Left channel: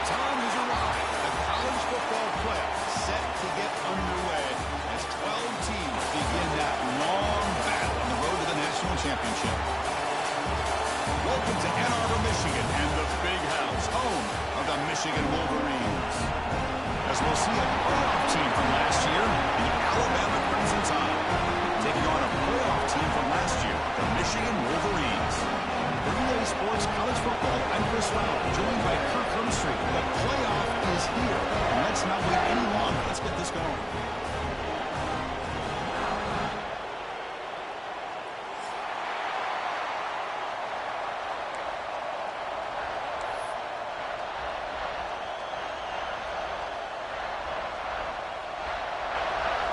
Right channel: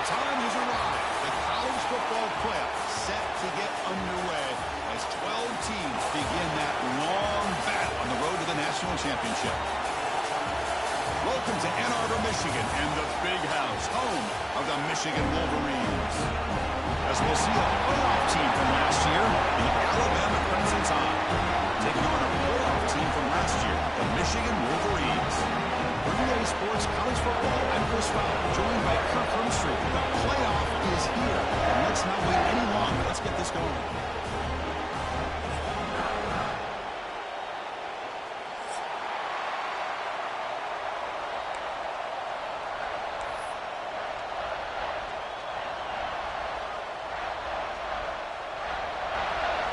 The time has arrived. The college football playoff set to get underway as 12 teams begin that long battle on the road to the national championship. Welcome to Ann Arbor, Michigan, and the Big House, home of the Michigan Wolverines. As we'll see a playoff team from last year, the Alabama Crimson Tide, taking on a playoff team from last year, the Michigan Wolverines. For EA Sports College Football, I'm Chris Fowler, joined by Kirk Hermstreet. The playoff is here, and let's not wait any longer. Let's get this going.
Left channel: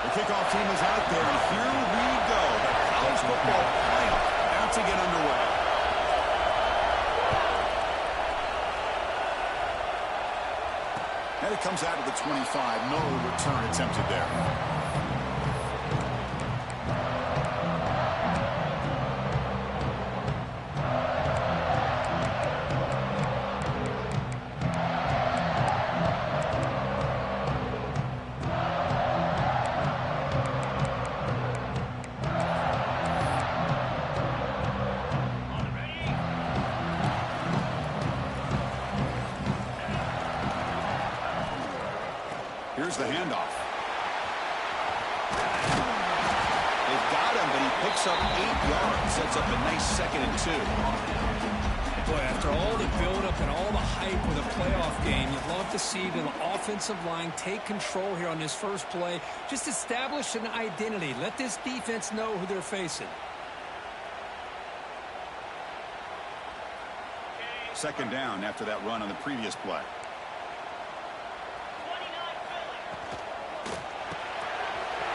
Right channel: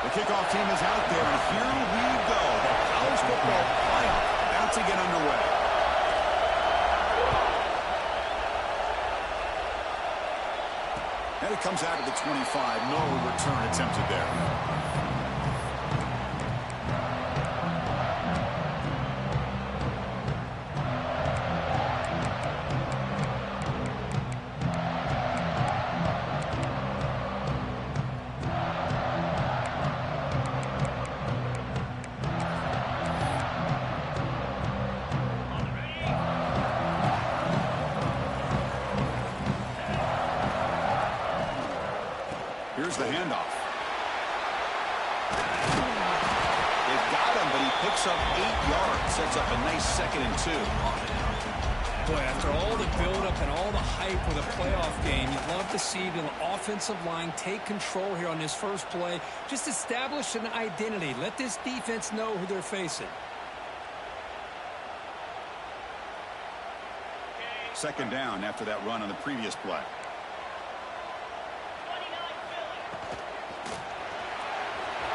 The kickoff team is out there, and here we go. The college football playoff about to get underway. And it comes out of the 25. No return attempted there. Here's the handoff. They've got him, but he picks up 8 yards. Sets up a nice 2nd and 2. Boy, after all the buildup and all the hype with a playoff game, you'd love to see the offensive line take control here on this first play. Just establish an identity. Let this defense know who they're facing. 2nd down after that run on the previous play.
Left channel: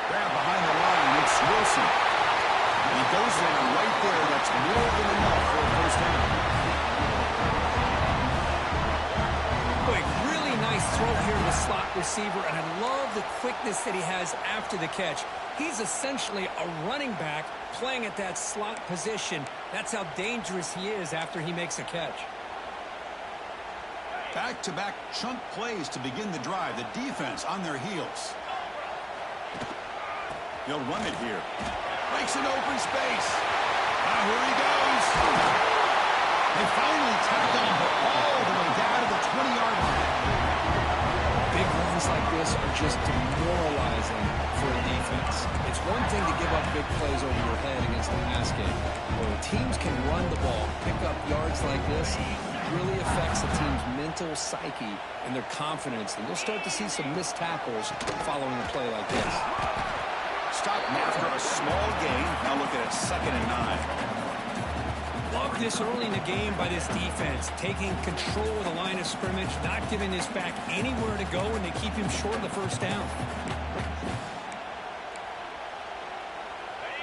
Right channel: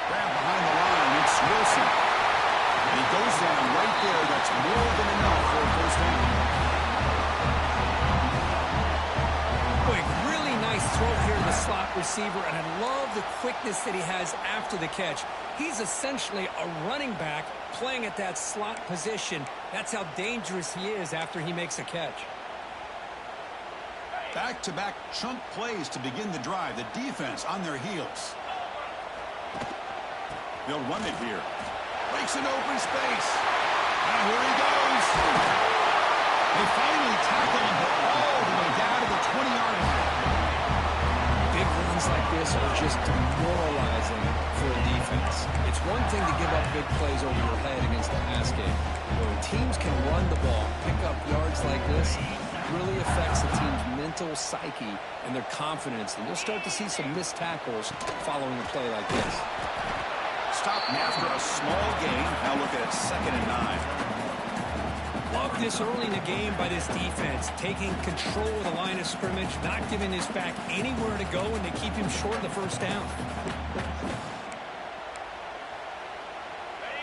Grab behind the line, it's Wilson. And he goes down right there. That's more than enough for a first down. Boy, really nice throw here to the slot receiver, and I love the quickness that he has after the catch. He's essentially a running back playing at that slot position. That's how dangerous he is after he makes a catch. Back-to-back chunk plays to begin the drive. The defense on their heels. They'll run it here. Breaks an open space. Now here he goes. They finally tackle him all the way down to the 20-yard line. Big runs like this are just demoralizing for a defense. It's one thing to give up big plays over your head against the pass game. When teams can run the ball, pick up yards like this, it really affects the team's mental psyche and their confidence. And you'll start to see some missed tackles following a play like this. Stopped after a small gain. Now look at it, 2nd and 9. Love this early in the game by this defense, taking control of the line of scrimmage, not giving this back anywhere to go, and they keep him short of the first down.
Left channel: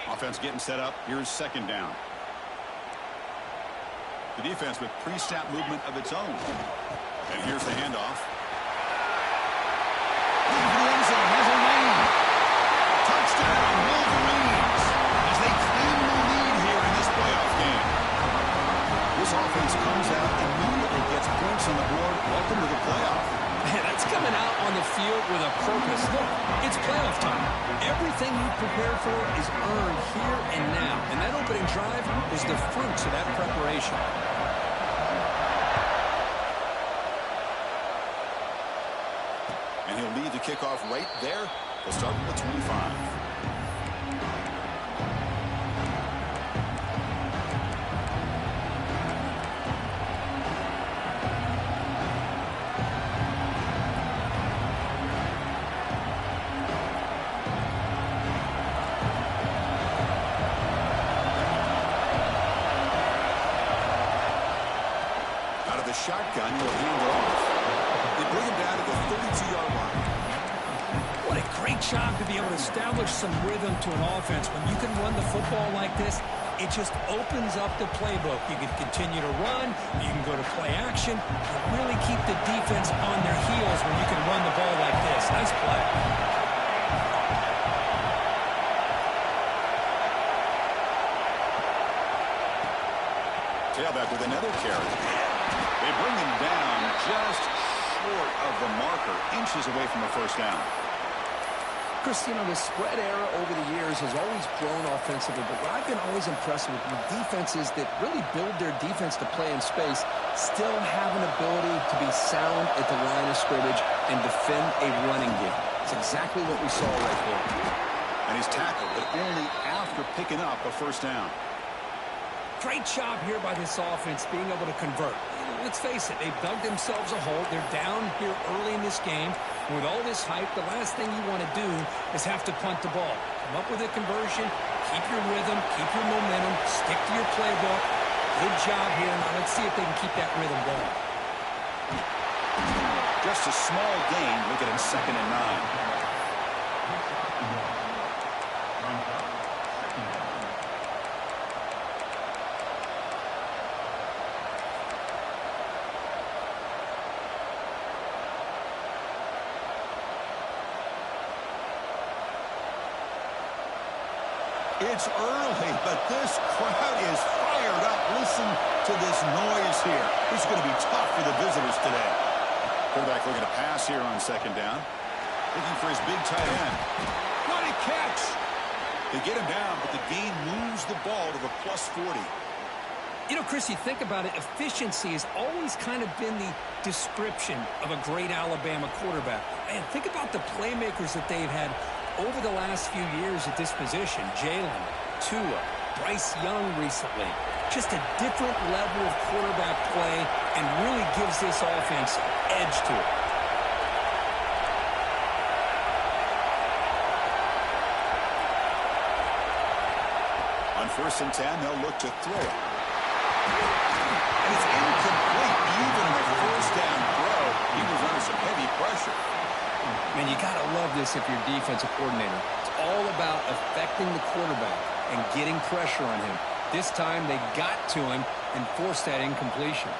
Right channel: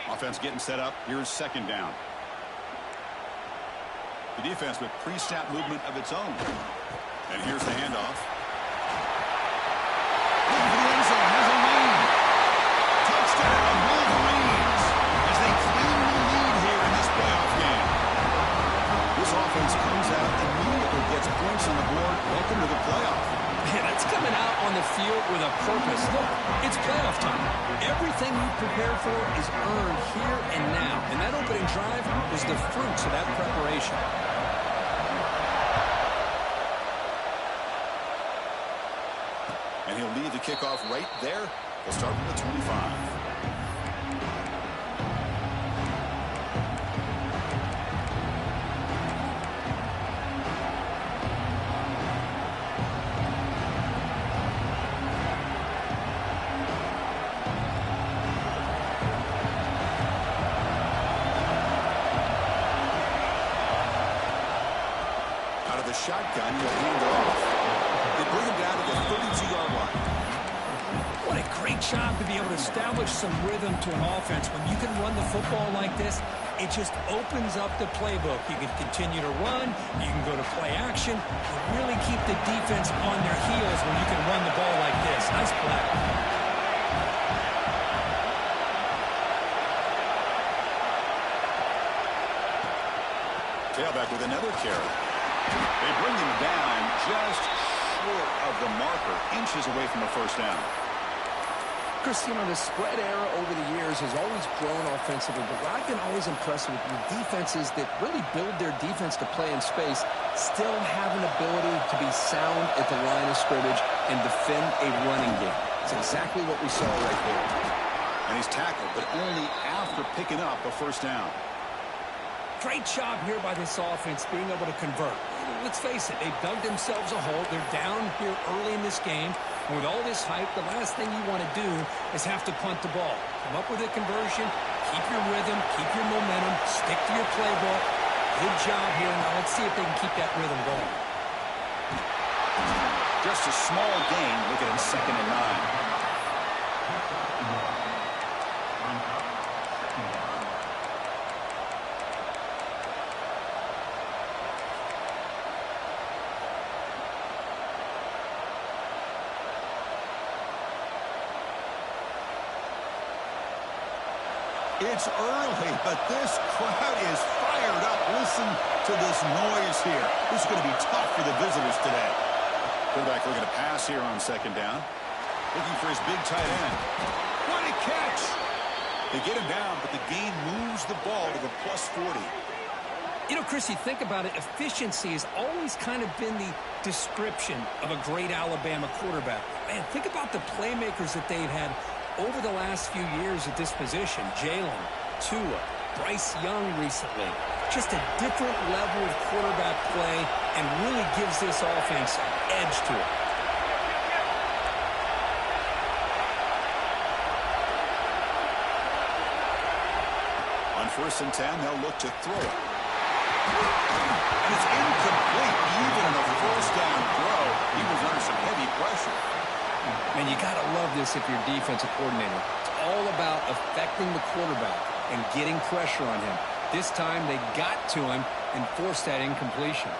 Offense getting set up. Here's 2nd down. The defense with pre-snap movement of its own. And here's the handoff. Looking for the end zone. Has a lane. Touchdown, Wolverines, as they claim the lead here in this playoff game. This offense comes out, immediately gets points on the board. Welcome to the playoff. Man, that's coming out on the field with a purpose. Look, it's playoff time. Everything you prepared for is earned here and now. And that opening drive was the fruits of that preparation. And he'll lead the kickoff right there. They'll start from the 25. Out of the shotgun, he'll hand it off. They bring him down to the 32-yard line. What a great job to be able to establish some rhythm to an offense. When you can run the football like this, it just opens up the playbook. You can continue to run. You can go to play action. You really keep the defense on their heels when you can run the ball like this. Nice play. Tailback with another carry. They bring him down just short of the marker, inches away from a first down. Chris, you know, the spread era over the years has always grown offensively, but what I've been always impressed with defenses that really build their defense to play in space still have an ability to be sound at the line of scrimmage and defend a running game. It's exactly what we saw right there. And he's tackled, but only after picking up a first down. Great job here by this offense being able to convert. Let's face it, they've dug themselves a hole. They're down here early in this game. And with all this hype, the last thing you want to do is have to punt the ball. Come up with a conversion, keep your rhythm, keep your momentum, stick to your playbook. Good job here. Now let's see if they can keep that rhythm going. Just a small gain. Look at it, 2nd and 9. It's early, but this crowd is fired up. Listen to this noise here. This is going to be tough for the visitors today. Quarterback looking to pass here on 2nd down. Looking for his big tight end. What a catch! They get him down, but the gain moves the ball to the +40. You know, Chris, you think about it, efficiency has always kind of been the description of a great Alabama quarterback. Man, think about the playmakers that they've had over the last few years at this position. Jalen, Tua, Bryce Young recently. Just a different level of quarterback play and really gives this offense an edge to it. On 1st and 10, they'll look to throw it. And it's incomplete. Even in a first down throw, he was under some heavy pressure. Man, you got to love this if you're a defensive coordinator. It's all about affecting the quarterback and getting pressure on him. This time they got to him and forced that incompletion.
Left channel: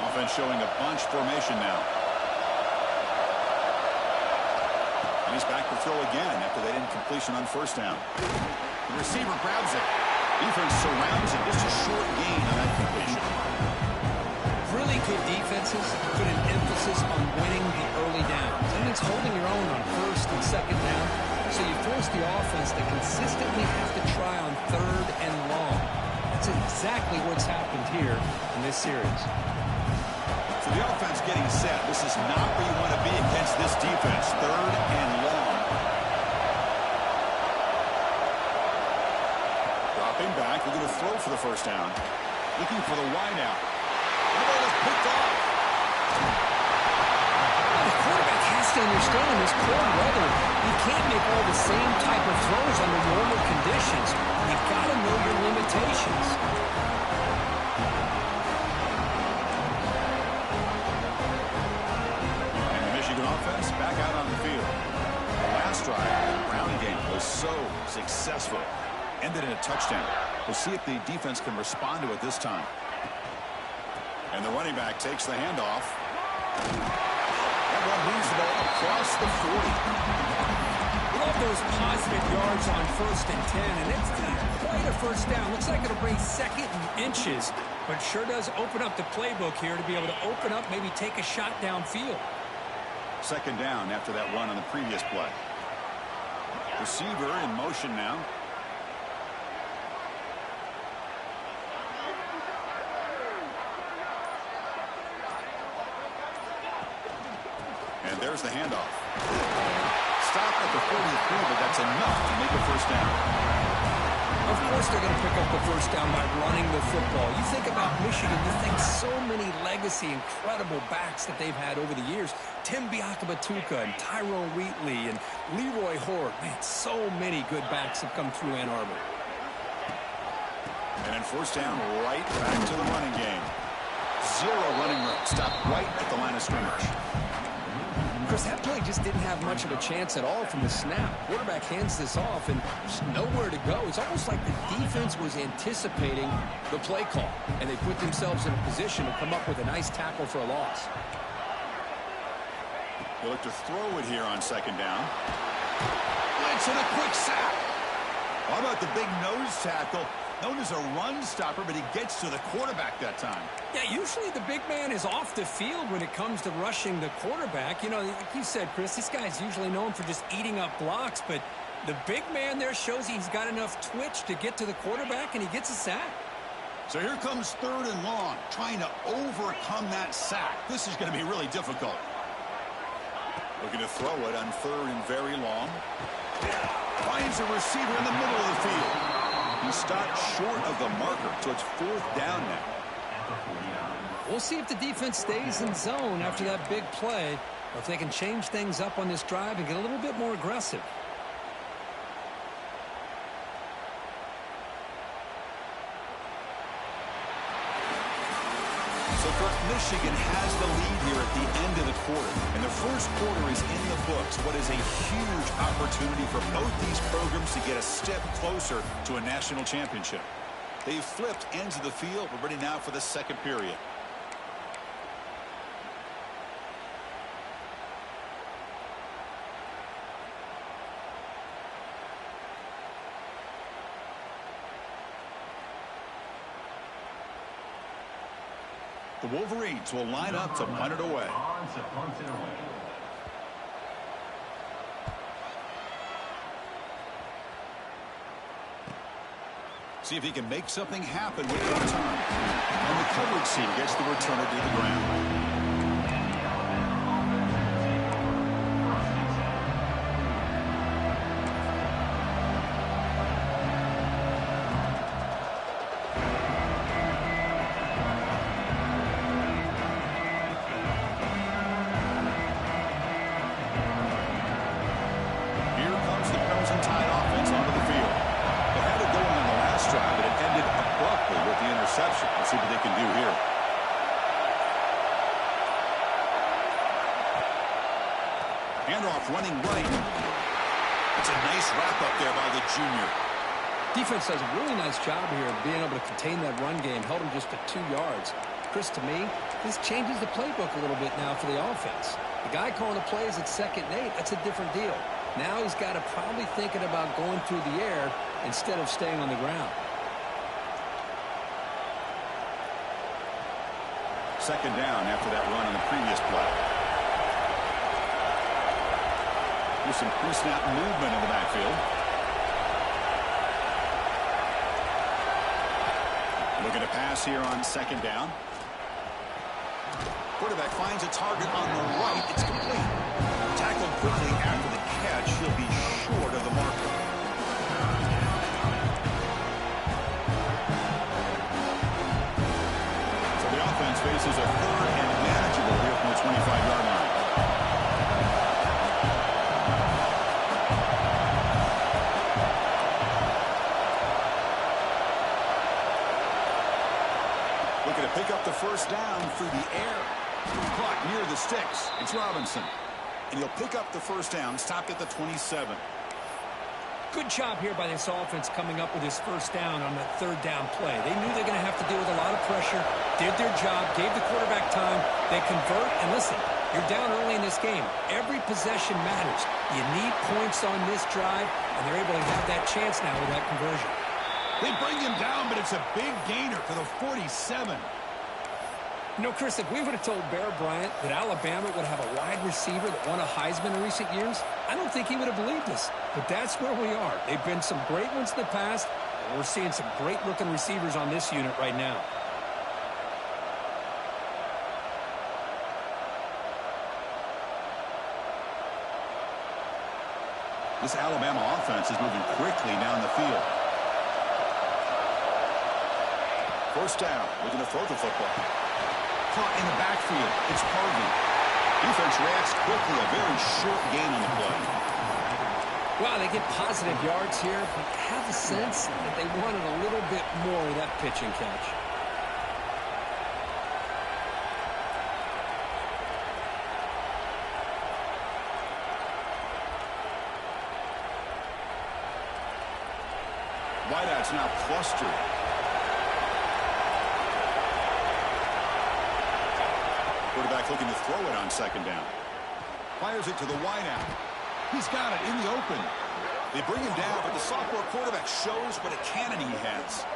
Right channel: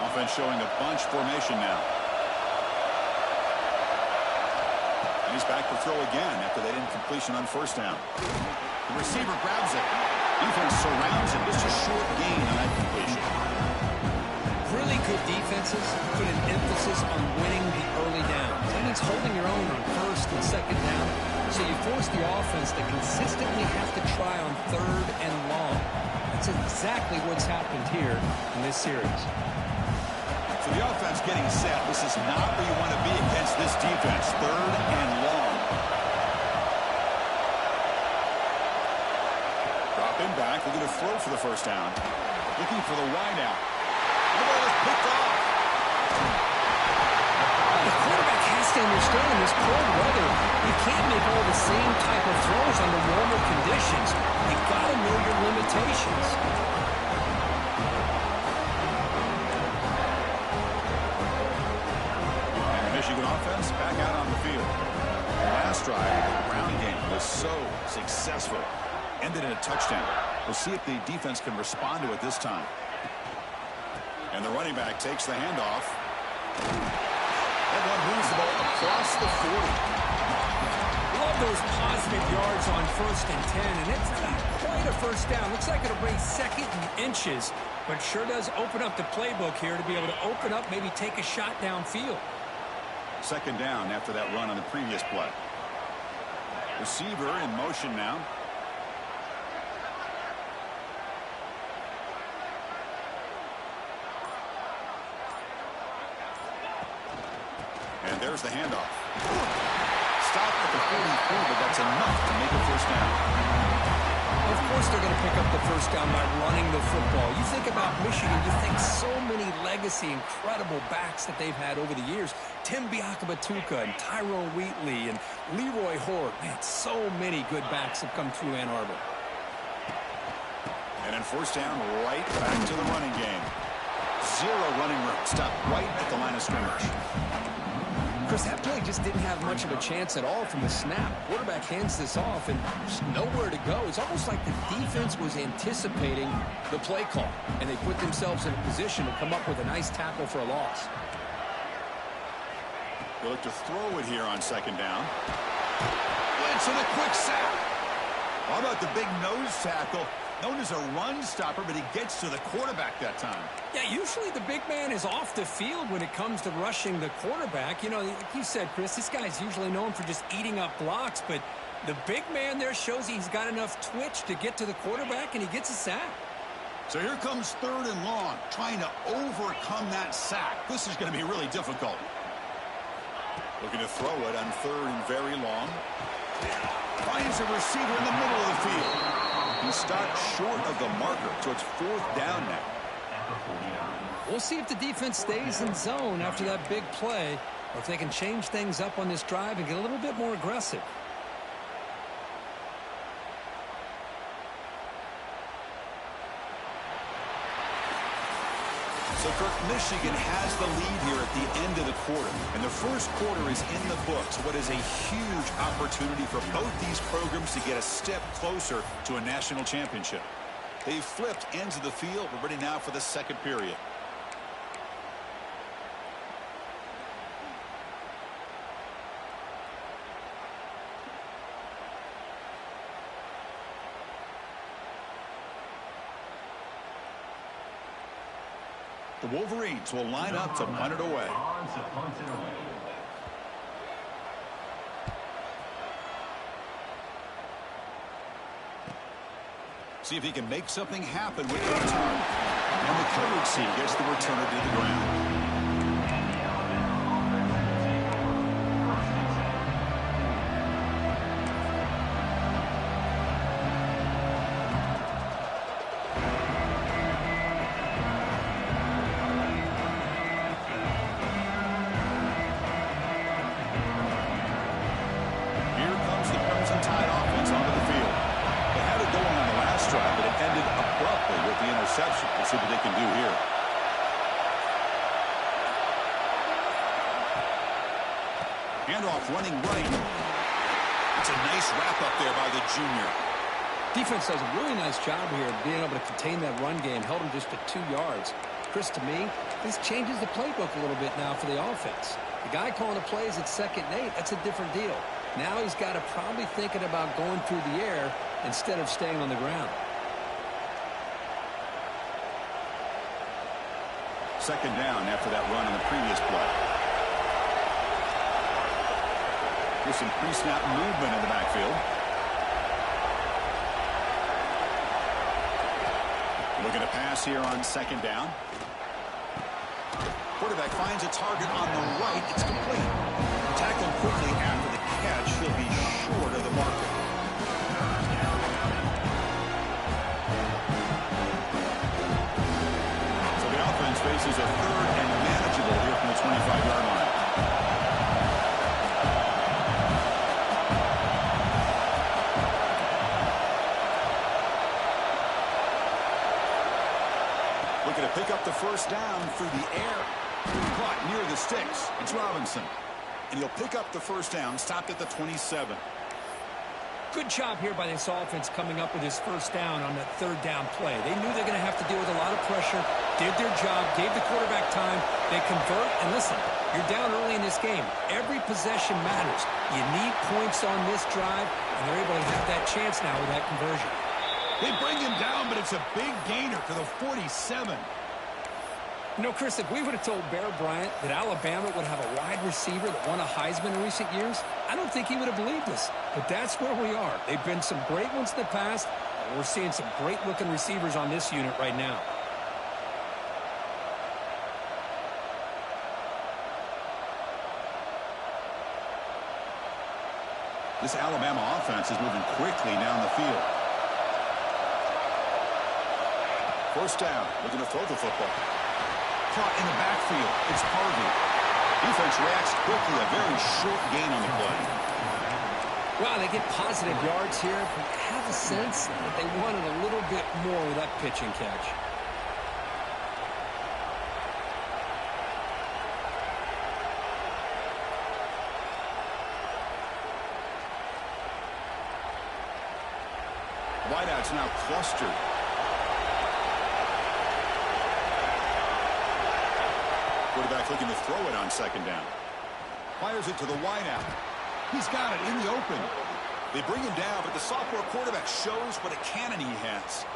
Offense showing a bunch formation now. And he's back to throw again after that incompletion on 1st down. The receiver grabs it. Defense surrounds him. Just a short gain on that completion. Really good defenses put an emphasis on winning the early downs. That means holding your own on 1st and 2nd down. So you force the offense to consistently have to try on 3rd and long. That's exactly what's happened here in this series. So the offense getting set. This is not where you want to be against this defense. 3rd and long. Dropping back. Looking to throw for the first down. Looking for the wide out. The ball is picked off. The quarterback has to understand in this cold weather, you can't make all the same type of throws under normal conditions. You've got to know your limitations. And the Michigan offense back out on the field. The last drive, the ground game was so successful. Ended in a touchdown. We'll see if the defense can respond to it this time. And the running back takes the handoff. That one moves the ball across the 40. Love those positive yards on 1st and 10, and it's not quite a first down. Looks like it'll bring 2nd and inches, but sure does open up the playbook here to be able to open up, maybe take a shot downfield. 2nd down after that run on the previous play. Receiver in motion now. And there's the handoff. Stop at the 43, but that's enough to make a first down. Of course they're going to pick up the first down by running the football. You think about Michigan, you think so many legacy, incredible backs that they've had over the years. Tim Biakabatuka and Tyrone Wheatley and Leroy Horde. Man, so many good backs have come through Ann Arbor. And then 1st down, right back to the running game. 0 running room. Stop right at the line of scrimmage. Chris, that play just didn't have much of a chance at all from the snap. Quarterback hands this off and just nowhere to go. It's almost like the defense was anticipating the play call, and they put themselves in a position to come up with a nice tackle for a loss. They look to throw it here on 2nd down. Blitz and a quick sack. How about the big nose tackle? Known as a run stopper, but he gets to the quarterback that time. Yeah, usually the big man is off the field when it comes to rushing the quarterback. You know, like you said, Chris, this guy's usually known for just eating up blocks, but the big man there shows he's got enough twitch to get to the quarterback, and he gets a sack. So here comes 3rd and long, trying to overcome that sack. This is going to be really difficult. Looking to throw it on 3rd and very long. Finds a receiver in the middle of the field. He stopped short of the marker, so it's 4th down now. We'll see if the defense stays in zone after that big play, or if they can change things up on this drive and get a little bit more aggressive. So, Kirk, Michigan has the lead here at the end of the quarter. And the first quarter is in the books. What is a huge opportunity for both these programs to get a step closer to a national championship. They've flipped ends of the field. We're ready now for the second period. The Wolverines will line up to punt it away. See if he can make something happen with the return. And the coverage team gets the returner to the ground. Let's see what they can do here. Handoff running right. It's a nice wrap up there by the junior. Defense does a really nice job here of being able to contain that run game. Held him just to 2 yards. Chris, to me, this changes the playbook a little bit now for the offense. The guy calling the plays at 2nd and 8, that's a different deal. Now he's got to probably thinking about going through the air instead of staying on the ground. 2nd down after that run on the previous play. Here's some pre-snap movement in the backfield. Looking to pass here on 2nd down. Quarterback finds a target on the right. It's complete. Tackled quickly after the catch. He'll be short of the marker. Offense faces a 3rd and manageable here from the 25-yard line. Looking to pick up the 1st down through the air. Caught near the sticks. It's Robinson. And he'll pick up the 1st down, stopped at the 27. Good job here by this offense coming up with his 1st down on that 3rd down play. They knew they're going to have to deal with a lot of pressure, did their job, gave the quarterback time. They convert, and listen, you're down early in this game. Every possession matters. You need points on this drive, and they're able to have that chance now with that conversion. They bring him down, but it's a big gainer to the 47. You know, Chris, if we would have told Bear Bryant that Alabama would have a wide receiver that won a Heisman in recent years, I don't think he would have believed us. But that's where we are. They've been some great ones in the past, and we're seeing some great-looking receivers on this unit right now. This Alabama offense is moving quickly down the field. 1st down, looking to throw the football. Caught in the backfield. It's Harvey. Defense reacts quickly. A very short gain on the play. Wow, they get positive yards here, but I have a sense that they wanted a little bit more with that pitch and catch. Wideouts now clustered. Quarterback looking to throw it on 2nd down. Fires it to the wideout. He's got it in the open. They bring him down, but the sophomore quarterback shows what a cannon he has.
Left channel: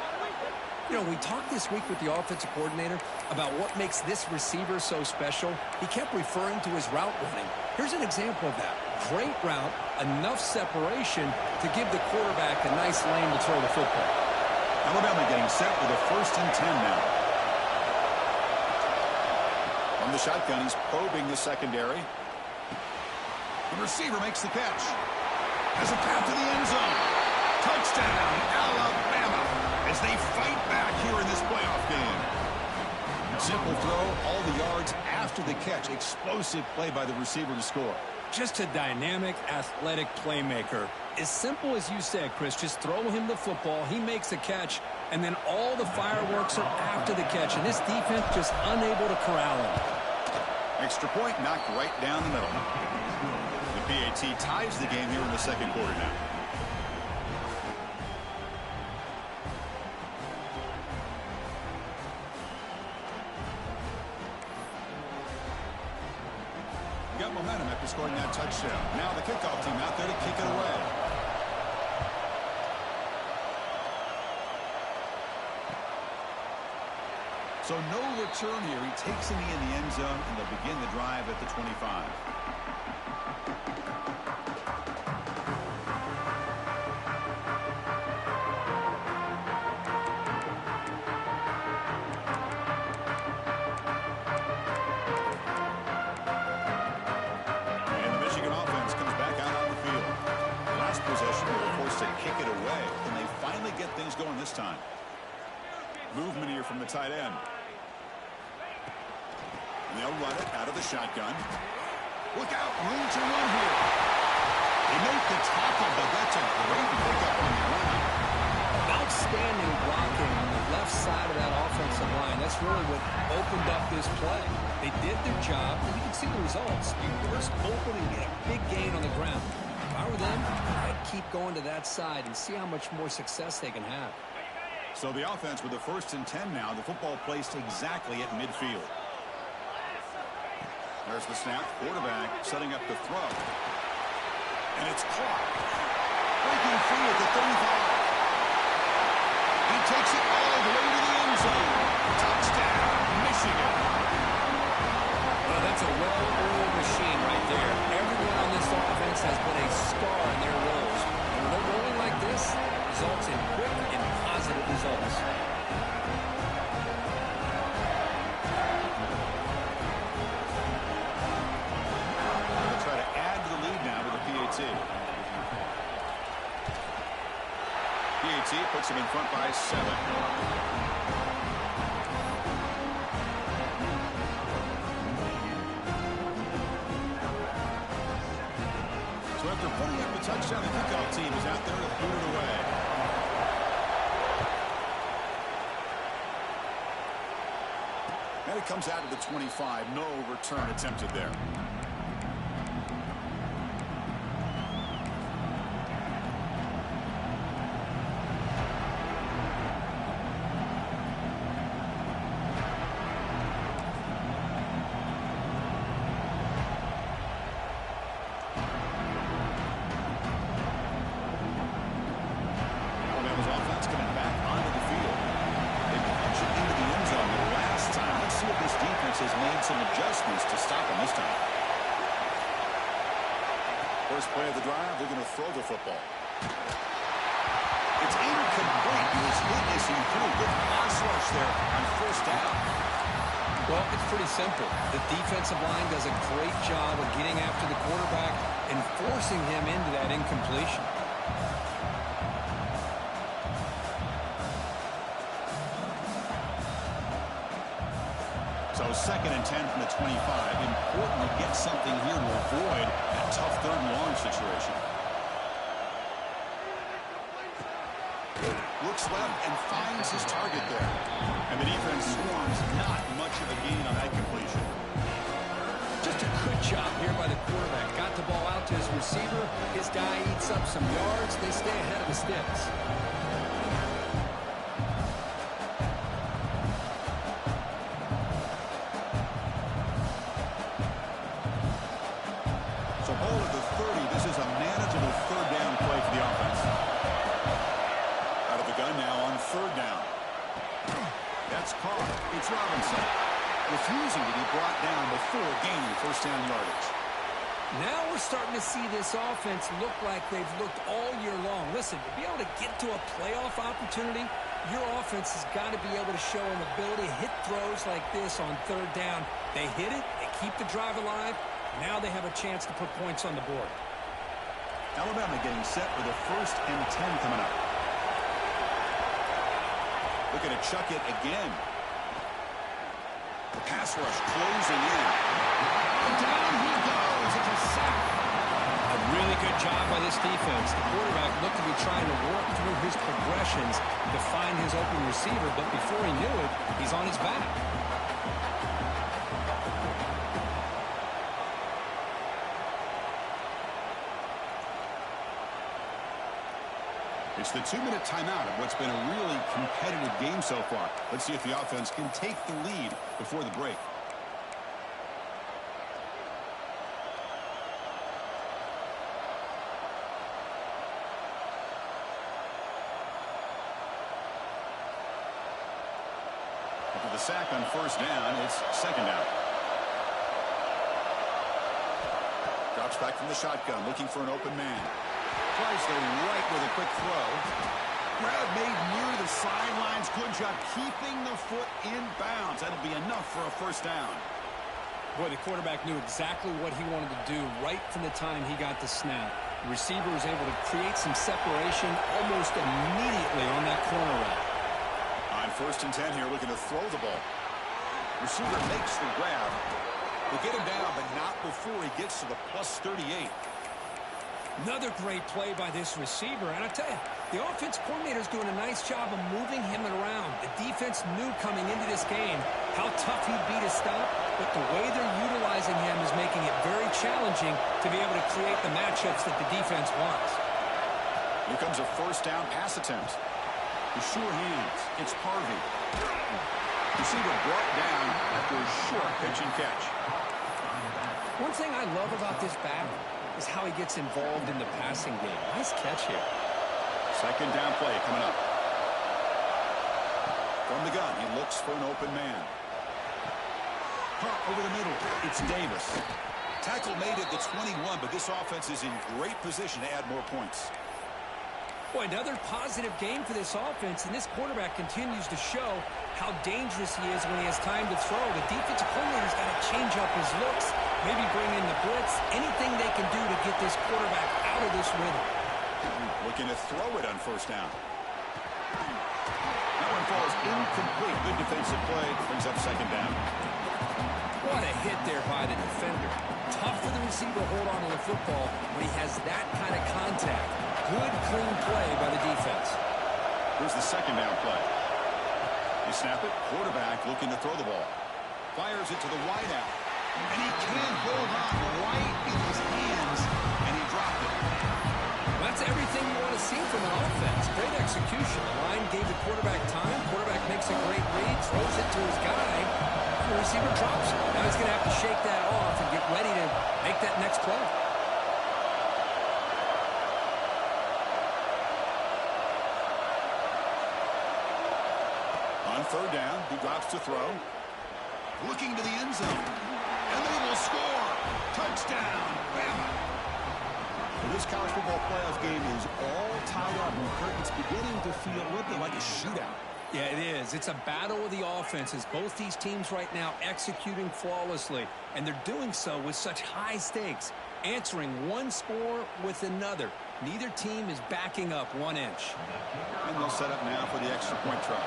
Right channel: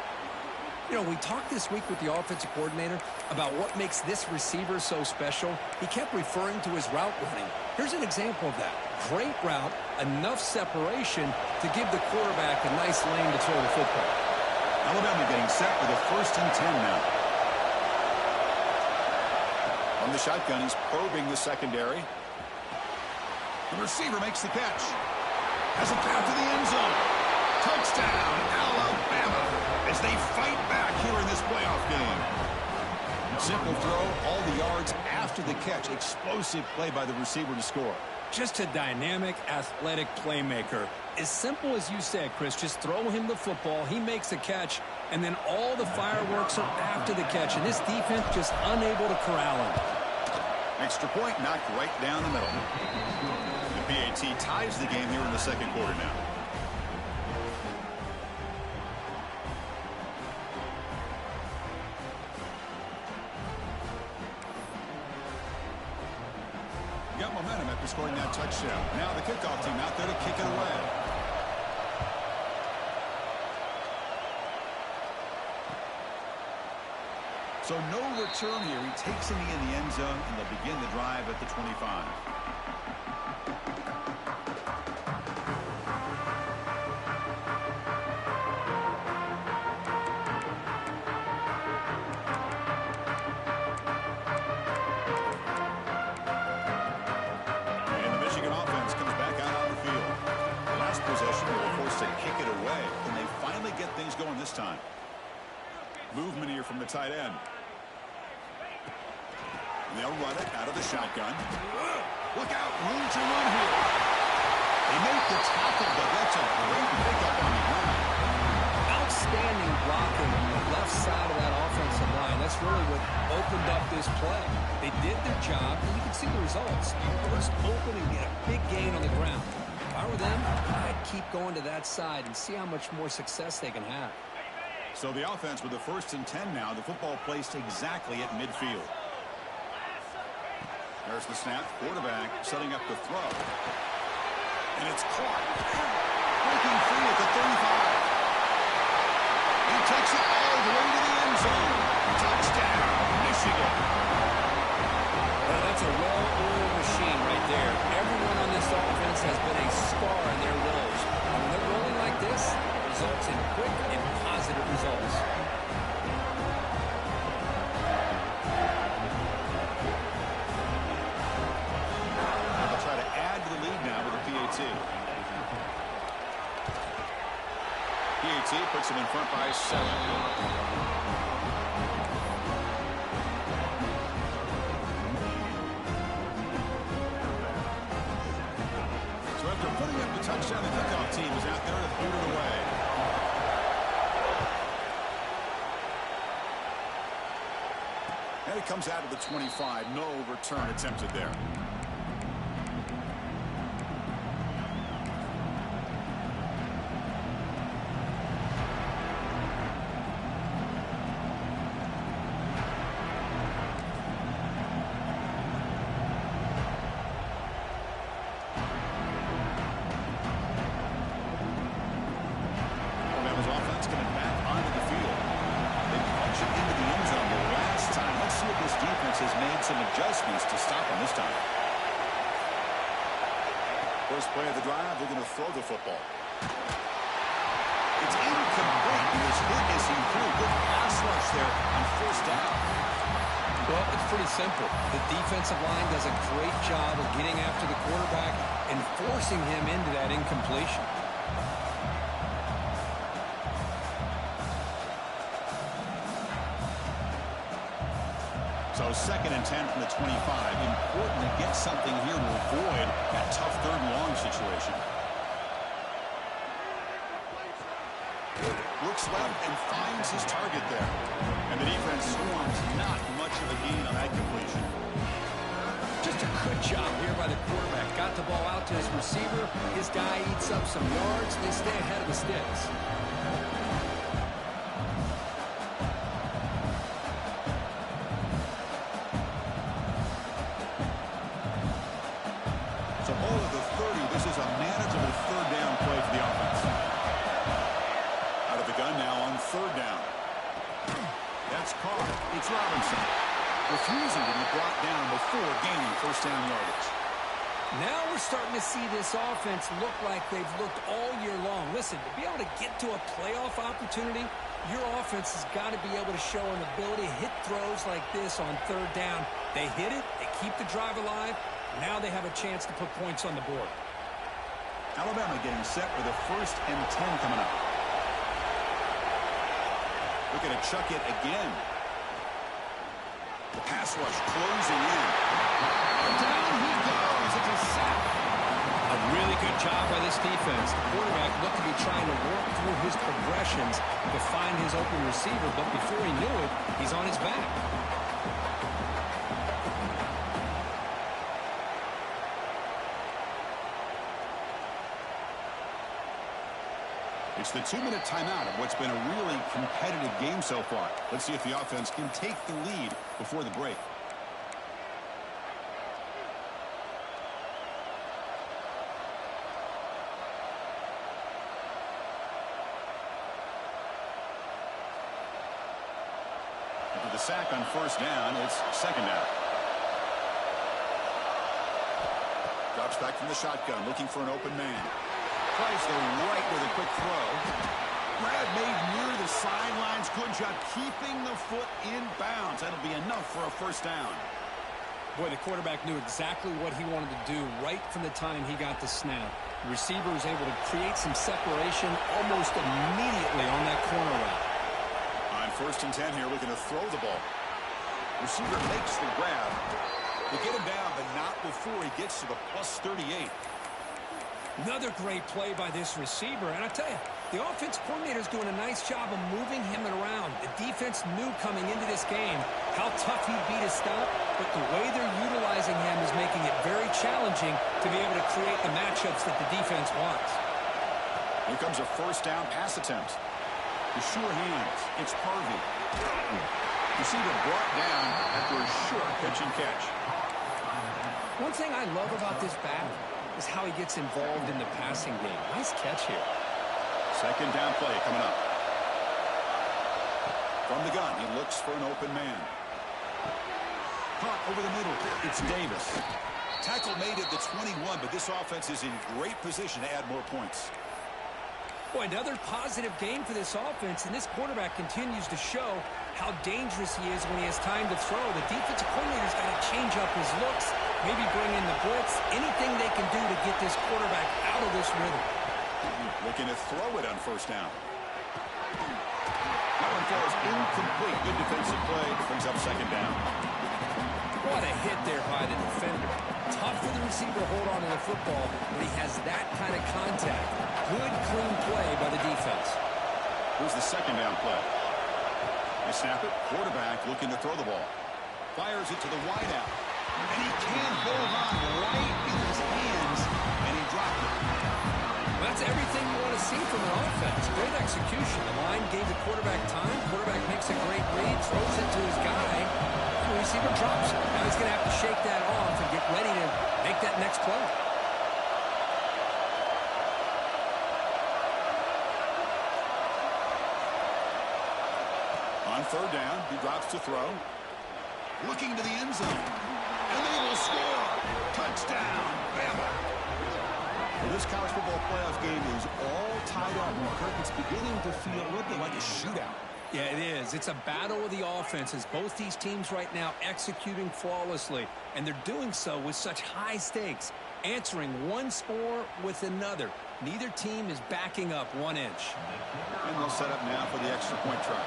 You know, we talked this week with the offensive coordinator about what makes this receiver so special. He kept referring to his route running. Here's an example of that. Great route, enough separation to give the quarterback a nice lane to throw the football. Alabama getting set for the 1st and 10 now. From the shotgun, he's probing the secondary. The receiver makes the catch. Has a path to the end zone. Touchdown, Alabama, as they fight back here in this playoff game. Simple throw, all the yards after the catch. Explosive play by the receiver to score. Just a dynamic, athletic playmaker. As simple as you said, Chris, just throw him the football, he makes a catch, and then all the fireworks are after the catch, and this defense just unable to corral him. Extra point knocked right down the middle. The PAT ties the game here in the second quarter now. Got momentum after scoring that touchdown. Now the kickoff team out there to kick it away. So no return here. He takes it in the end zone, and they'll begin the drive at the 25. And the Michigan offense comes back out on the field. The last possession, they were forced to kick it away. Can they finally get things going this time? Movement here from the tight end. They'll run it out of the shotgun. Look out, room to run here. They make the tackle, but that's a great pickup on the ground. Outstanding blocking on the left side of that offensive line. That's really what opened up this play. They did their job, and you can see the results. You burst open and get a big gain on the ground. If I were them, I'd keep going to that side and see how much more success they can have. So the offense with the 1st and 10 now. The football placed exactly at midfield. There's the snap. Quarterback setting up the throw. And it's caught. Breaking free at the 35. He takes it all the way to the end zone. Touchdown, Michigan. Well, that's a well-oiled machine right there. Everyone on this offense has been a star in their roles. And when they're rolling like this, it results in quick and positive results. Try to add to the lead now with a PAT. PAT puts him in front by 7. So after putting up the touchdown, the kickoff team is out there to boot it away. And it comes out of the 25. No return attempted there. Has made some adjustments to stop him this time. First play of the drive, they're going to throw the football. It's incomplete. He was hit as he threw. Good pass rush there on 1st down. Well, it's pretty simple. The defensive line does a great job of getting after the quarterback and forcing him into that incompletion. So 2nd and 10 from the 25. Important to get something here to avoid that tough 3rd and long situation. Looks left and finds his target there. And the defense swarms. Not much of a gain on that completion. Just a good job here by the quarterback. Got the ball out to his receiver. His guy eats up some yards. They stay ahead of the sticks. So ball at the 30. This is a manageable 3rd down play for the offense. Out of the gun now on 3rd down. That's caught. It's Robinson, refusing to be brought down before gaining first down yardage. Now we're starting to see this offense look like they've looked all year long. Listen, to be able to get to a playoff opportunity, your offense has got to be able to show an ability to hit throws like this on third down. They hit it, they keep the drive alive. Now they have a chance to put points on the board. Alabama getting set for the 1st and 10 coming up. Looking to chuck it again. The pass rush closing in. Down he goes. It's a sack. A really good job by this defense. The quarterback looked to be trying to work through his progressions to find his open receiver, but before he knew it, he's on his back. It's the 2-minute timeout of what's been a really competitive game so far. Let's see if the offense can take the lead before the break. After the sack on first down, it's second down. Drops back from the shotgun, looking for an open man. Tries the right with a quick throw. Grab made near the sidelines. Good job keeping the foot in bounds. That'll be enough for a first down. Boy, the quarterback knew exactly what he wanted to do right from the time he got the snap. The receiver was able to create some separation almost immediately on that corner route. On 1st and 10 here, looking to throw the ball. Receiver makes the grab. They get him down, but not before he gets to the plus 38. Another great play by this receiver. And I tell you, the offense coordinator is doing a nice job of moving him around. The defense knew coming into this game how tough he'd be to stop, but the way they're utilizing him is making it very challenging to be able to create the matchups that the defense wants. Here comes a first down pass attempt. With sure hands, it's Harvey. Receiver brought down after a short pitch and catch. One thing I love about this back is how he gets involved in the passing game. Nice catch here. Second down play coming up. From the gun, he looks for an open man. Caught over the middle. It's Davis. Tackle made at the 21, but this offense is in great position to add more points. Boy, another positive game for this offense, and this quarterback continues to show how dangerous he is when he has time to throw. The defensive coordinator's got to change up his looks, maybe bring in the blitz, anything they can do to get this quarterback out of this rhythm. Looking to throw it on first down. That one falls incomplete. Good defensive play. Brings up second down. What a hit there by the defender. Tough for the receiver to hold on to the football when he has that kind of contact. Good, clean play by the defense. Here's the second down play. They snap it. Quarterback looking to throw the ball. Fires it to the wideout. And he can't hold on right in his hands. And he dropped it. Well, that's everything you want to see from an offense. Great execution. The line gave the quarterback time. Quarterback makes a great read, throws it to his guy. The receiver drops it. Now he's going to have to shake that off and get ready to make that next play. On third down, he drops to throw. Looking to the end zone. And they will score. Touchdown, Bama. Well, this college football playoff game is all tied up. And Kirk, it's beginning to feel a little bit like a shootout. Yeah, it is. It's a battle of the offenses. Both these teams right now executing flawlessly, and they're doing so with such high stakes, answering one score with another. Neither team is backing up 1 inch. And they'll set up now for the extra point try.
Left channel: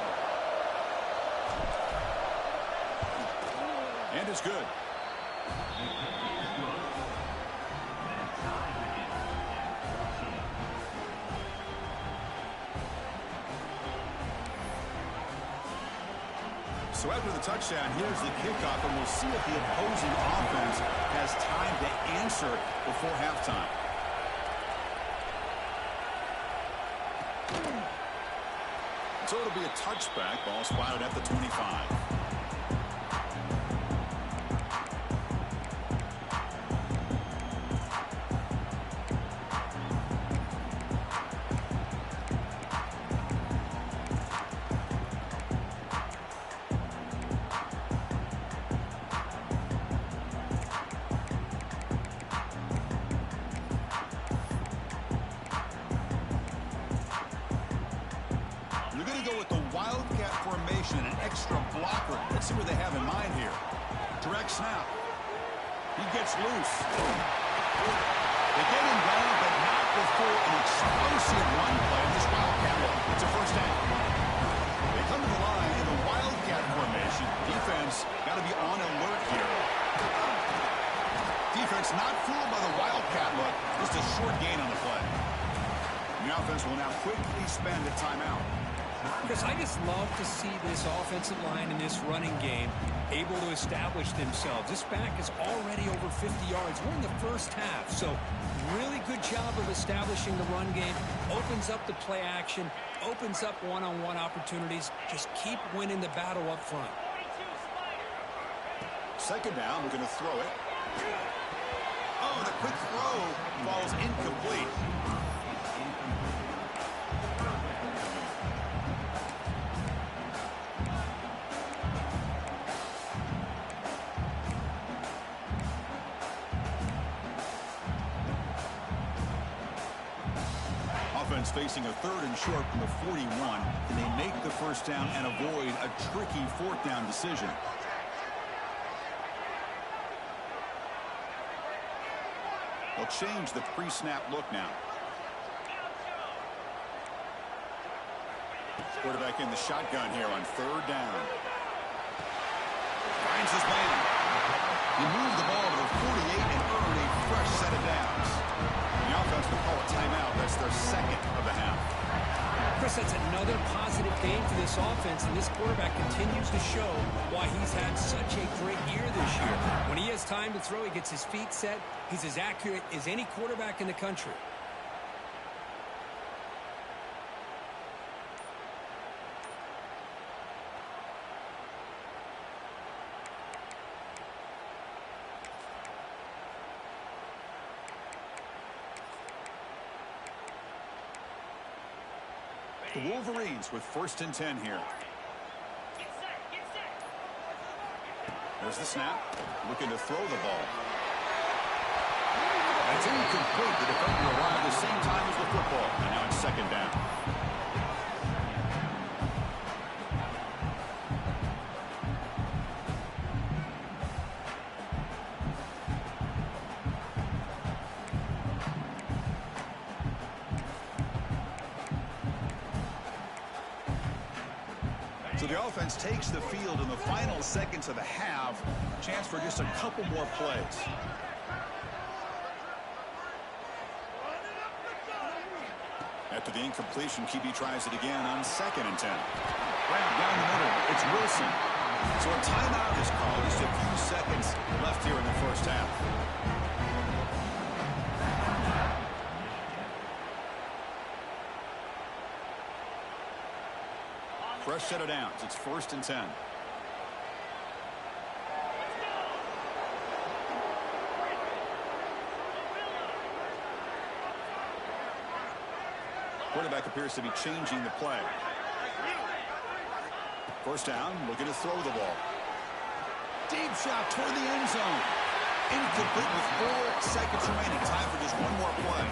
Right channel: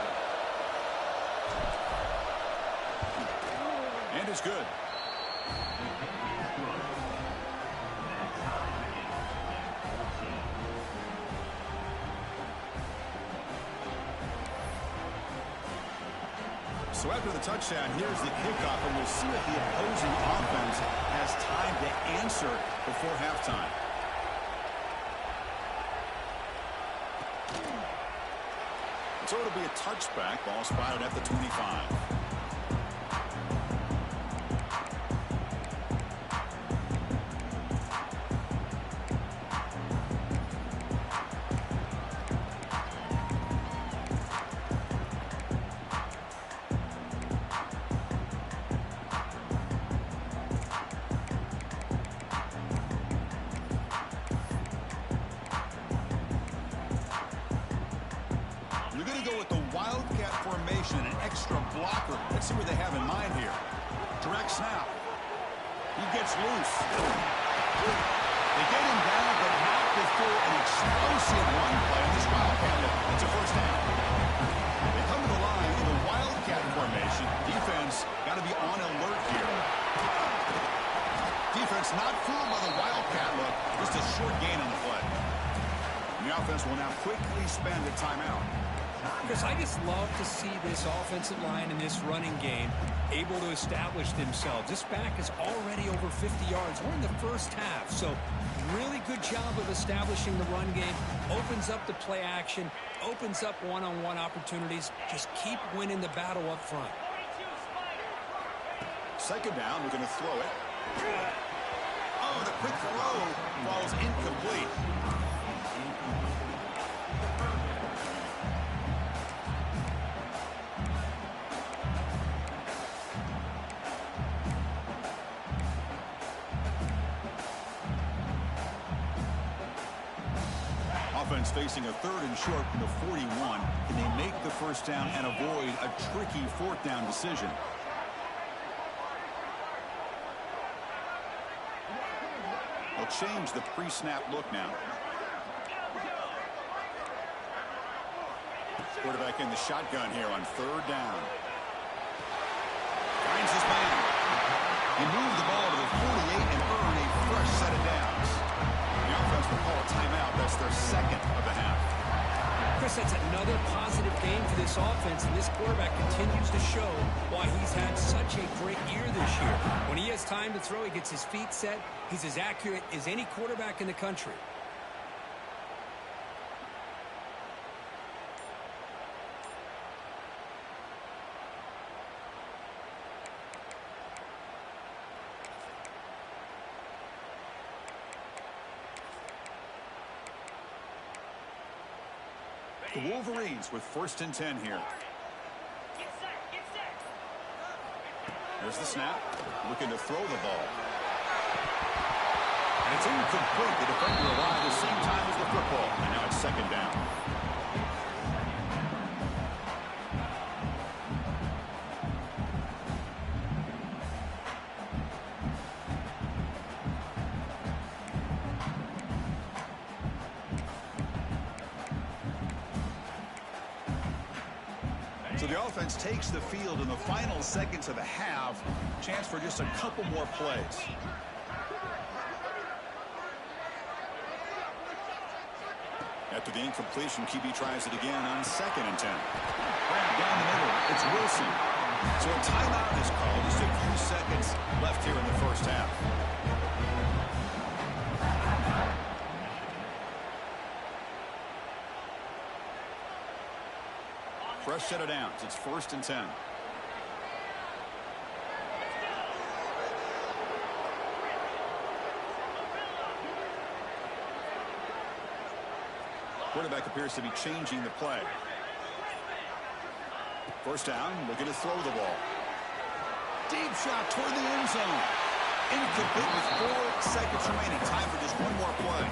And it's good. So after the touchdown, here's the kickoff, and we'll see if the opposing offense has time to answer before halftime. So it'll be a touchback. Ball spotted at the 25. They're going to go with the wildcat formation, an extra blocker. Let's see what they have in mind here. Direct snap. He gets loose. They get him down, but not before an explosive run play on this wildcat look. It's a first down. They come to the line in the wildcat formation. Defense got to be on alert here. Defense not fooled by the wildcat look. Just a short gain on the play. The offense will now quickly spend a timeout. Chris, I just love to see this offensive line in this running game able to establish themselves. This back is already over 50 yards. We're in the first half, so really good job of establishing the run game. Opens up the play action, opens up one-on-one opportunities. Just keep winning the battle up front. Second down, we're going to throw it. Oh, the quick throw falls incomplete. Offense facing a 3rd and short from the 41. Can they make the first down and avoid a tricky 4th down decision? They'll change the pre-snap look now. Quarterback in the shotgun here on 3rd down. Finds his man. He moved the ball to the 48 and earned a fresh set of downs. The offense will call a timeout. That's their second of the half. Chris, that's another positive game for this offense, and this quarterback continues to show why he's had such a great year this year. When he has time to throw, he gets his feet set. He's as accurate as any quarterback in the country. The Wolverines with 1st and 10 here. There's the snap. Looking to throw the ball. And it's incomplete. The defender arrived the same time as the football. And now it's 2nd down. So the offense takes the field in the final seconds of the half. Chance for just a couple more plays. After the incompletion, QB tries it again on 2nd and 10. Grab down the middle. It's Wilson. So a timeout is called. Just a few seconds left here in the first half. Fresh set of downs. It's 1st and 10. Quarterback appears to be changing the play. First down, looking to throw the ball. Deep shot toward the end zone. Incomplete with 4 seconds remaining. Time for just one more play.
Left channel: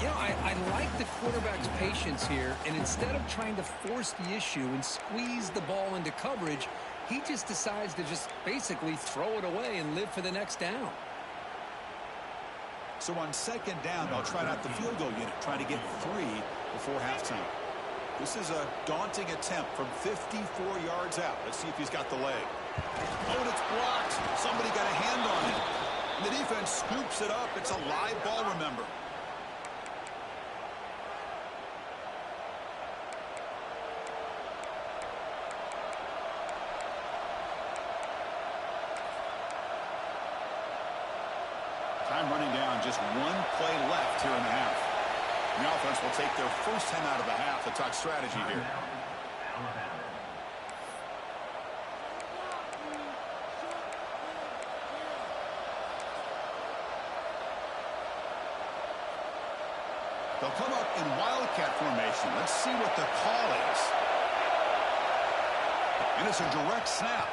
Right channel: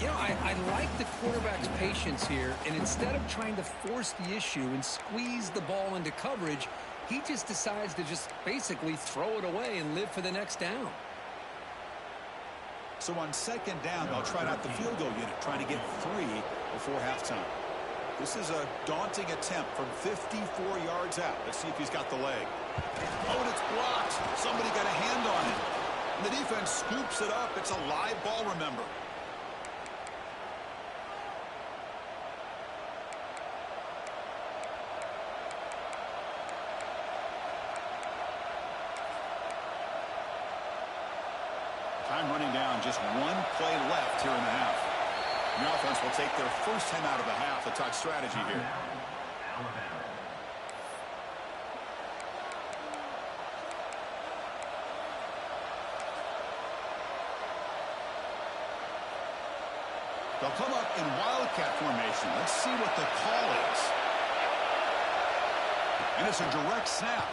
You know, I like the quarterback's patience here, and instead of trying to force the issue and squeeze the ball into coverage, he just decides to just basically throw it away and live for the next down. So on 2nd down, they'll try out the field goal unit, trying to get 3 before halftime. This is a daunting attempt from 54 yards out. Let's see if he's got the leg. Oh, and it's blocked. Somebody got a hand on it. And the defense scoops it up. It's a live ball, remember. Time running down, just one play left here in the half. The offense will take their first time out of the half to talk strategy here. They'll come up in wildcat formation. Let's see what the call is. And it's a direct snap.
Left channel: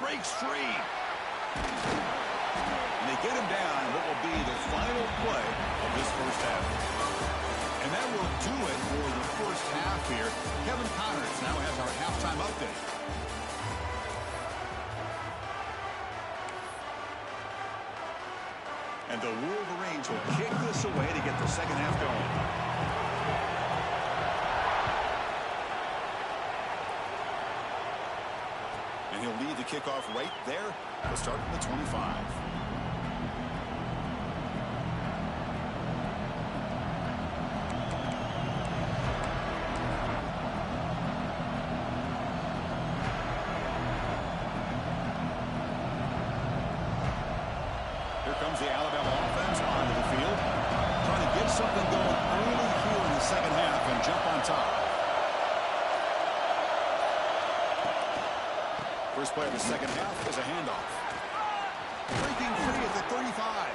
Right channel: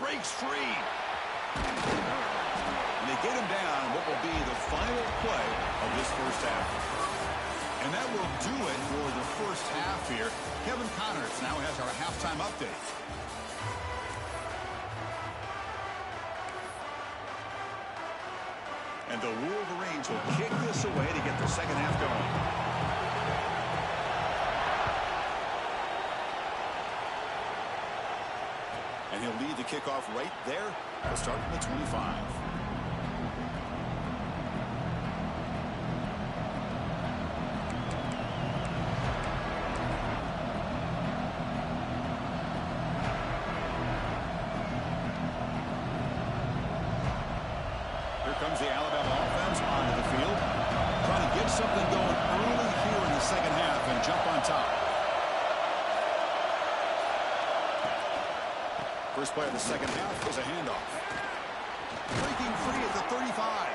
Breaks free. And they get him down what will be the final play of this first half. And that will do it for the first half here. Kevin Connors now has our halftime update. And the Wolverines will kick this away to get the second half going. And he'll lead the kickoff right there. He'll start from the 25. Here comes the Alabama offense onto the field. Trying to get something going early here in the second half and jump on top. First play of the second half is a handoff. Breaking free at the 35.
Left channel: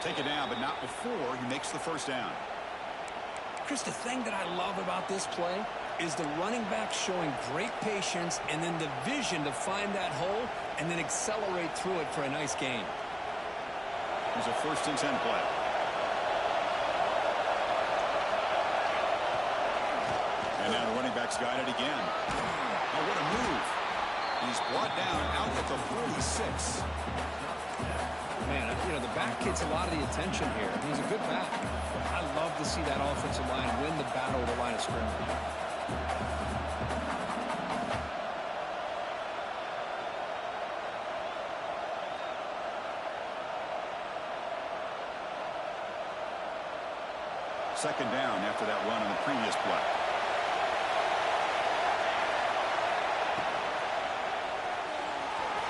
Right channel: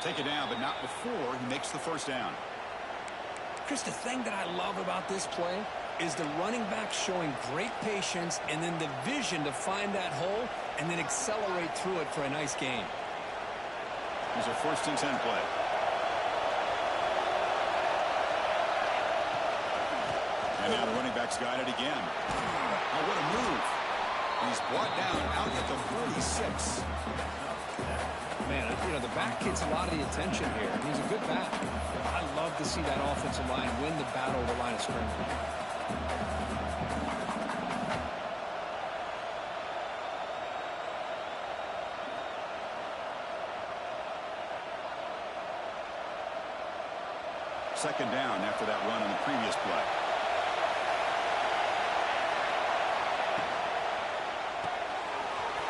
Take it down, but not before he makes the first down. Chris, the thing that I love about this play is the running back showing great patience and then the vision to find that hole and then accelerate through it for a nice gain. Here's a 1st and 10 play. And now the running back's got it again. Oh, what a move. And he's brought down out at the 46. Man, you know, the back gets a lot of the attention here. He's a good back. I love to see that offensive line win the battle of the line of scrimmage. Second down after that run in the previous play.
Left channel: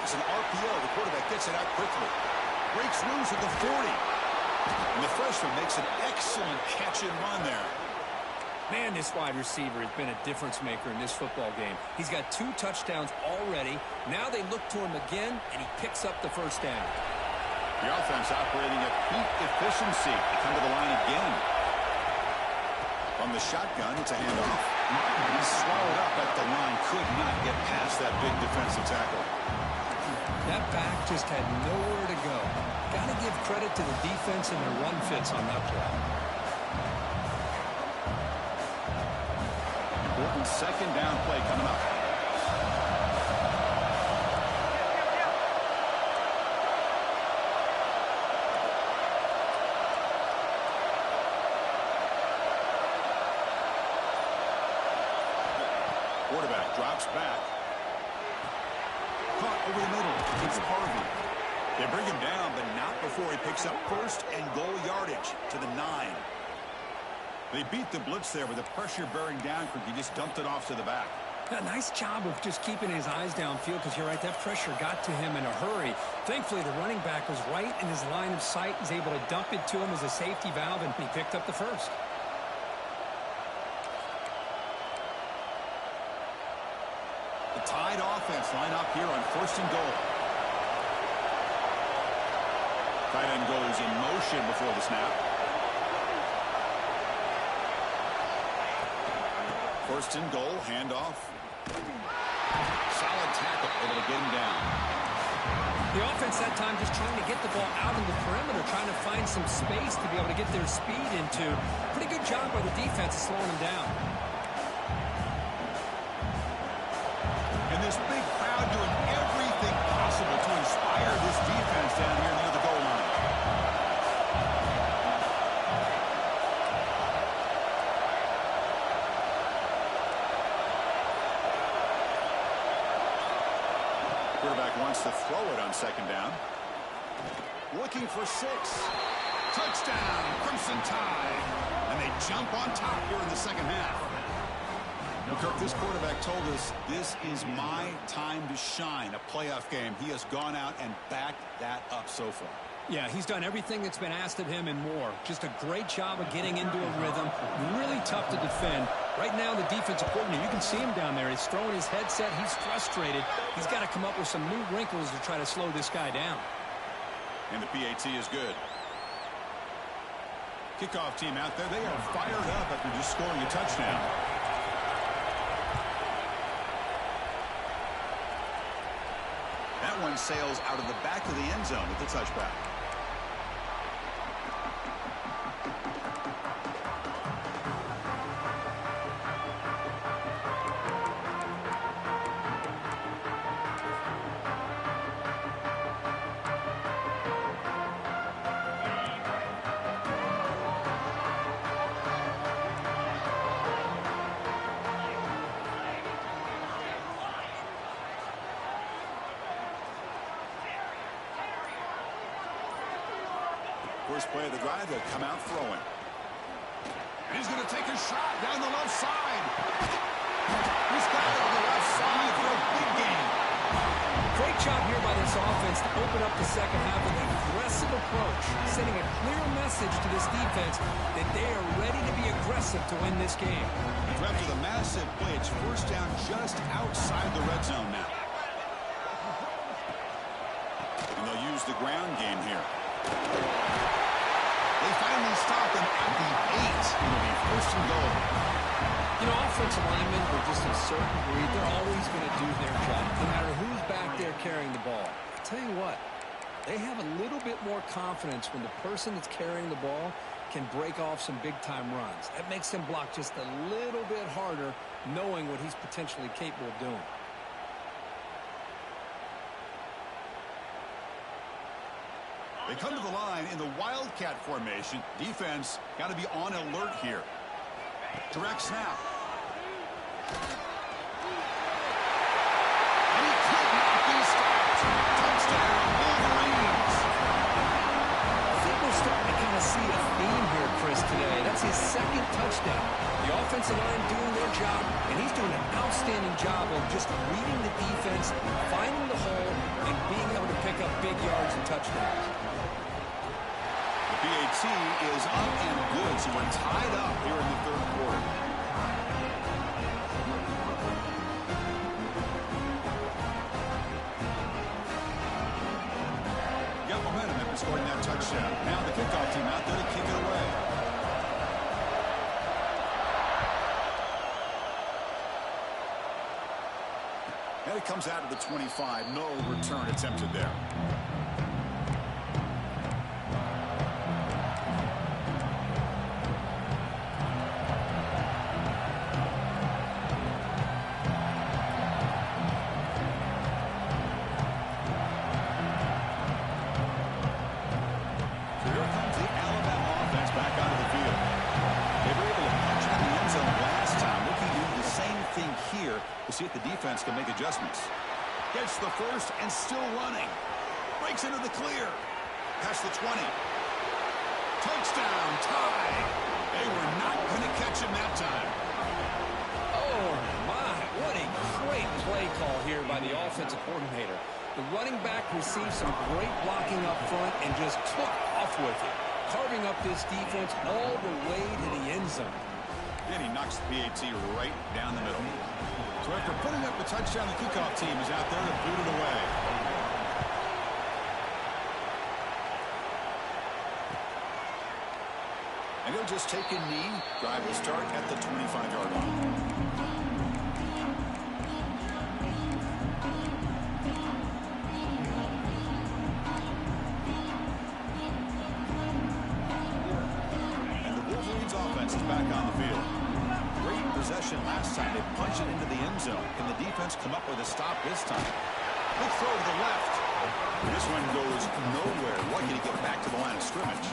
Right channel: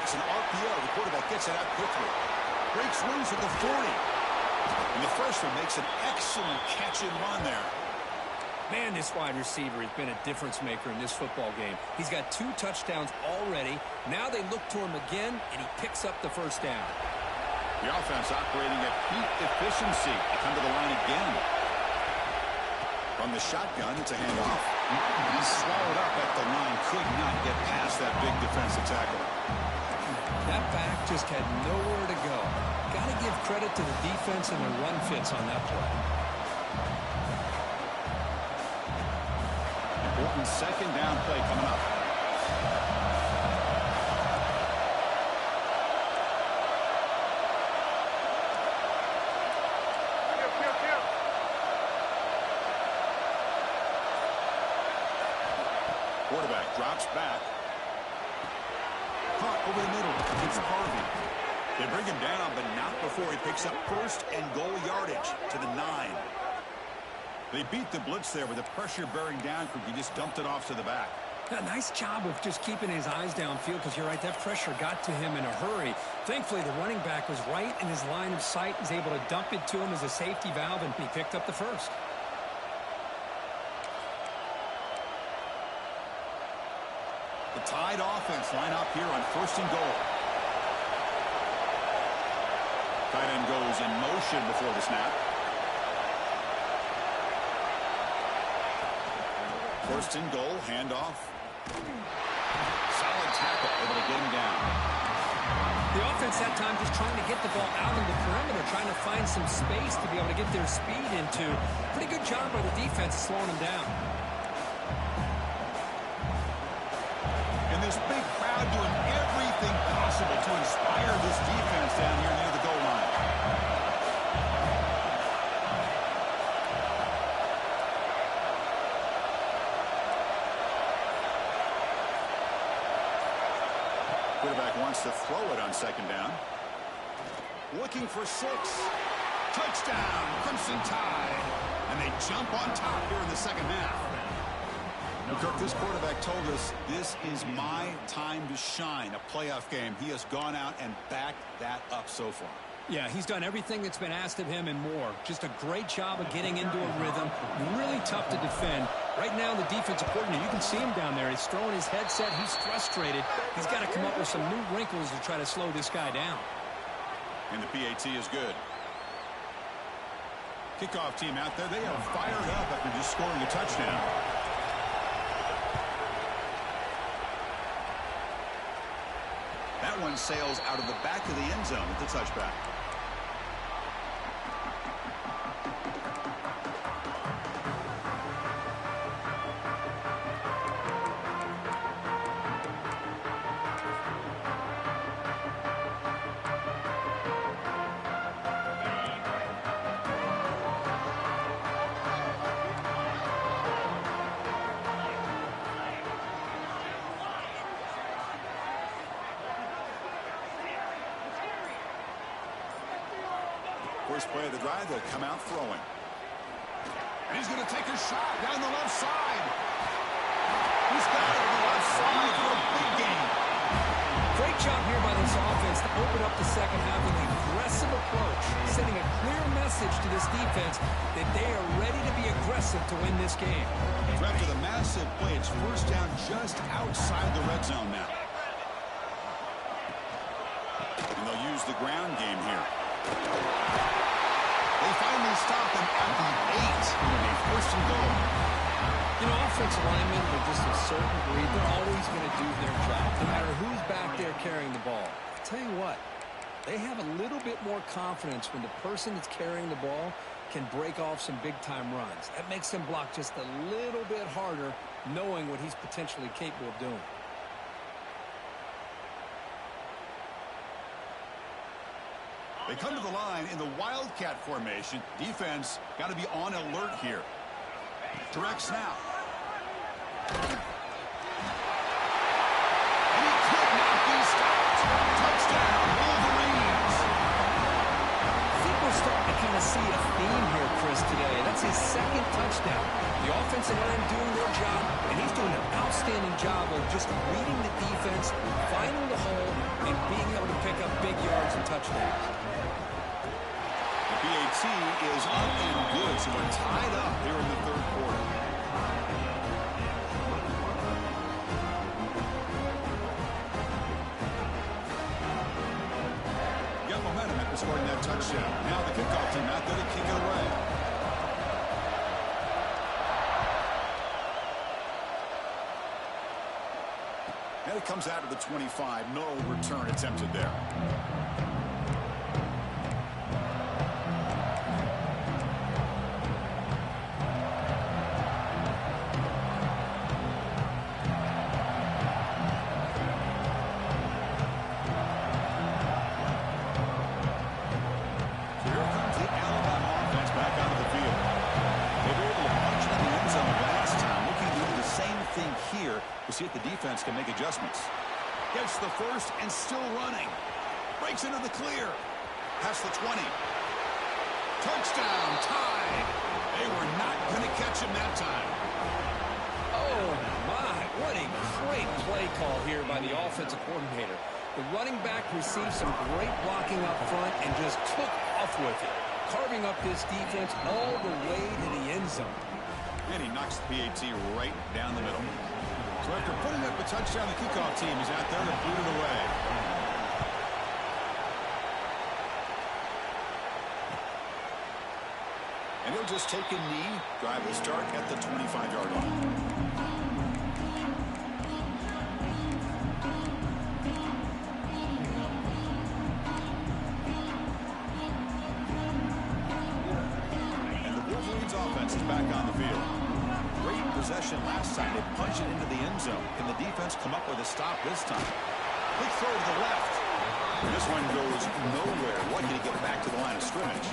It's an RPO. The quarterback gets it out quickly. Breaks loose at the 40. And the freshman makes an excellent catch and run there. Man, this wide receiver has been a difference maker in this football game. He's got 2 touchdowns already. Now they look to him again, and he picks up the first down. The offense operating at peak efficiency. They come to the line again. From the shotgun, it's a handoff. He's swallowed up at the line. Could not get past that big defensive tackle. That back just had nowhere to go. Got to give credit to the defense and their run fits on that play. Important second down play coming up. Quarterback drops back. Caught over the middle. It's Harvey. They bring him down, but not before he picks up 1st and goal yardage to the 9. They beat the blitz there with the pressure bearing down. He just dumped it off to the back. A nice job of just keeping his eyes downfield because you're right, that pressure got to him in a hurry. Thankfully, the running back was right in his line of sight. He's able to dump it to him as a safety valve, and he picked up the first. The Tide offense line up here on 1st and goal. Tight end goes in motion before the snap. 1st and goal, handoff. Solid tackle, able to get him down. The offense that time just trying to get the ball out in the perimeter, trying to find some space to be able to get their speed into. Pretty good job by the defense of slowing them down. And this big crowd doing everything possible to inspire this defense down here near the goal line. Quarterback wants to throw it on second down. Looking for 6. Touchdown, Crimson Tide. And they jump on top here in the second half. Well, Kirk, this quarterback told us this is my time to shine, a playoff game. He has gone out and backed that up so far. Yeah, he's done everything that's been asked of him and more. Just a great job of getting into a rhythm. Really tough to defend. Right now, the defensive coordinator, you can see him down there. He's throwing his headset. He's frustrated. He's got to come up with some new wrinkles to try to slow this guy down. And the PAT is good. Kickoff team out there, they are fired up after just scoring a touchdown. That one sails out of the back of the end zone at the touchback. first play of the drive, they'll come out throwing. And he's going to take a shot down the left side. He's got it on the left side for a big game. Great job here by this offense to open up the second half with an aggressive approach, sending a clear message to this defense that they are ready to be aggressive to win this game. So after the massive play, it's first down just outside the red zone now. And they'll use the ground game here. They finally stop him at the 8. It'll be first and goal. You know, offensive linemen are just a certain breed. They're always going to do their job, no matter who's back there carrying the ball. I'll tell you what, they have a little bit more confidence when the person that's carrying the ball can break off some big-time runs. That makes them block just a little bit harder, knowing what he's potentially capable of doing. They come to the line in the Wildcat formation. Defense got to be on alert here. Direct snap. And he could not be stopped. Touchdown, Wolverines. I think we're starting to kind of see a theme here, Chris, today. That's his second touchdown. The offensive line doing their job, and he's doing an outstanding job of just reading the defense, finding the hole, and being able to pick up big yards and touchdowns. The PAT is up and good, so we're tied up here in the third quarter. Got momentum after scoring that touchdown. Now the kickoff team out there to kick it away. And it comes out of the 25. No return attempted there. We'll see if the defense can make adjustments. Gets the first and still running. Breaks into the clear. Past the 20. Touchdown, tied. They were not going to catch him that time. Oh, my. What a great play call here by the offensive coordinator. The running back received some great blocking up front and just took off with it, carving up this defense all the way to the end zone. And he knocks the PAT right down the middle. So after putting up a touchdown, the kickoff team is out there to boot it away. And he'll just take a knee. Drive will start at the 25-yard line. And the Wolverines offense is back on the field. Great possession last time. They punched it into the end zone. Can the defense come up with a stop this time? Quick throw to the left. This one goes nowhere. Lucky to get back to the line of scrimmage.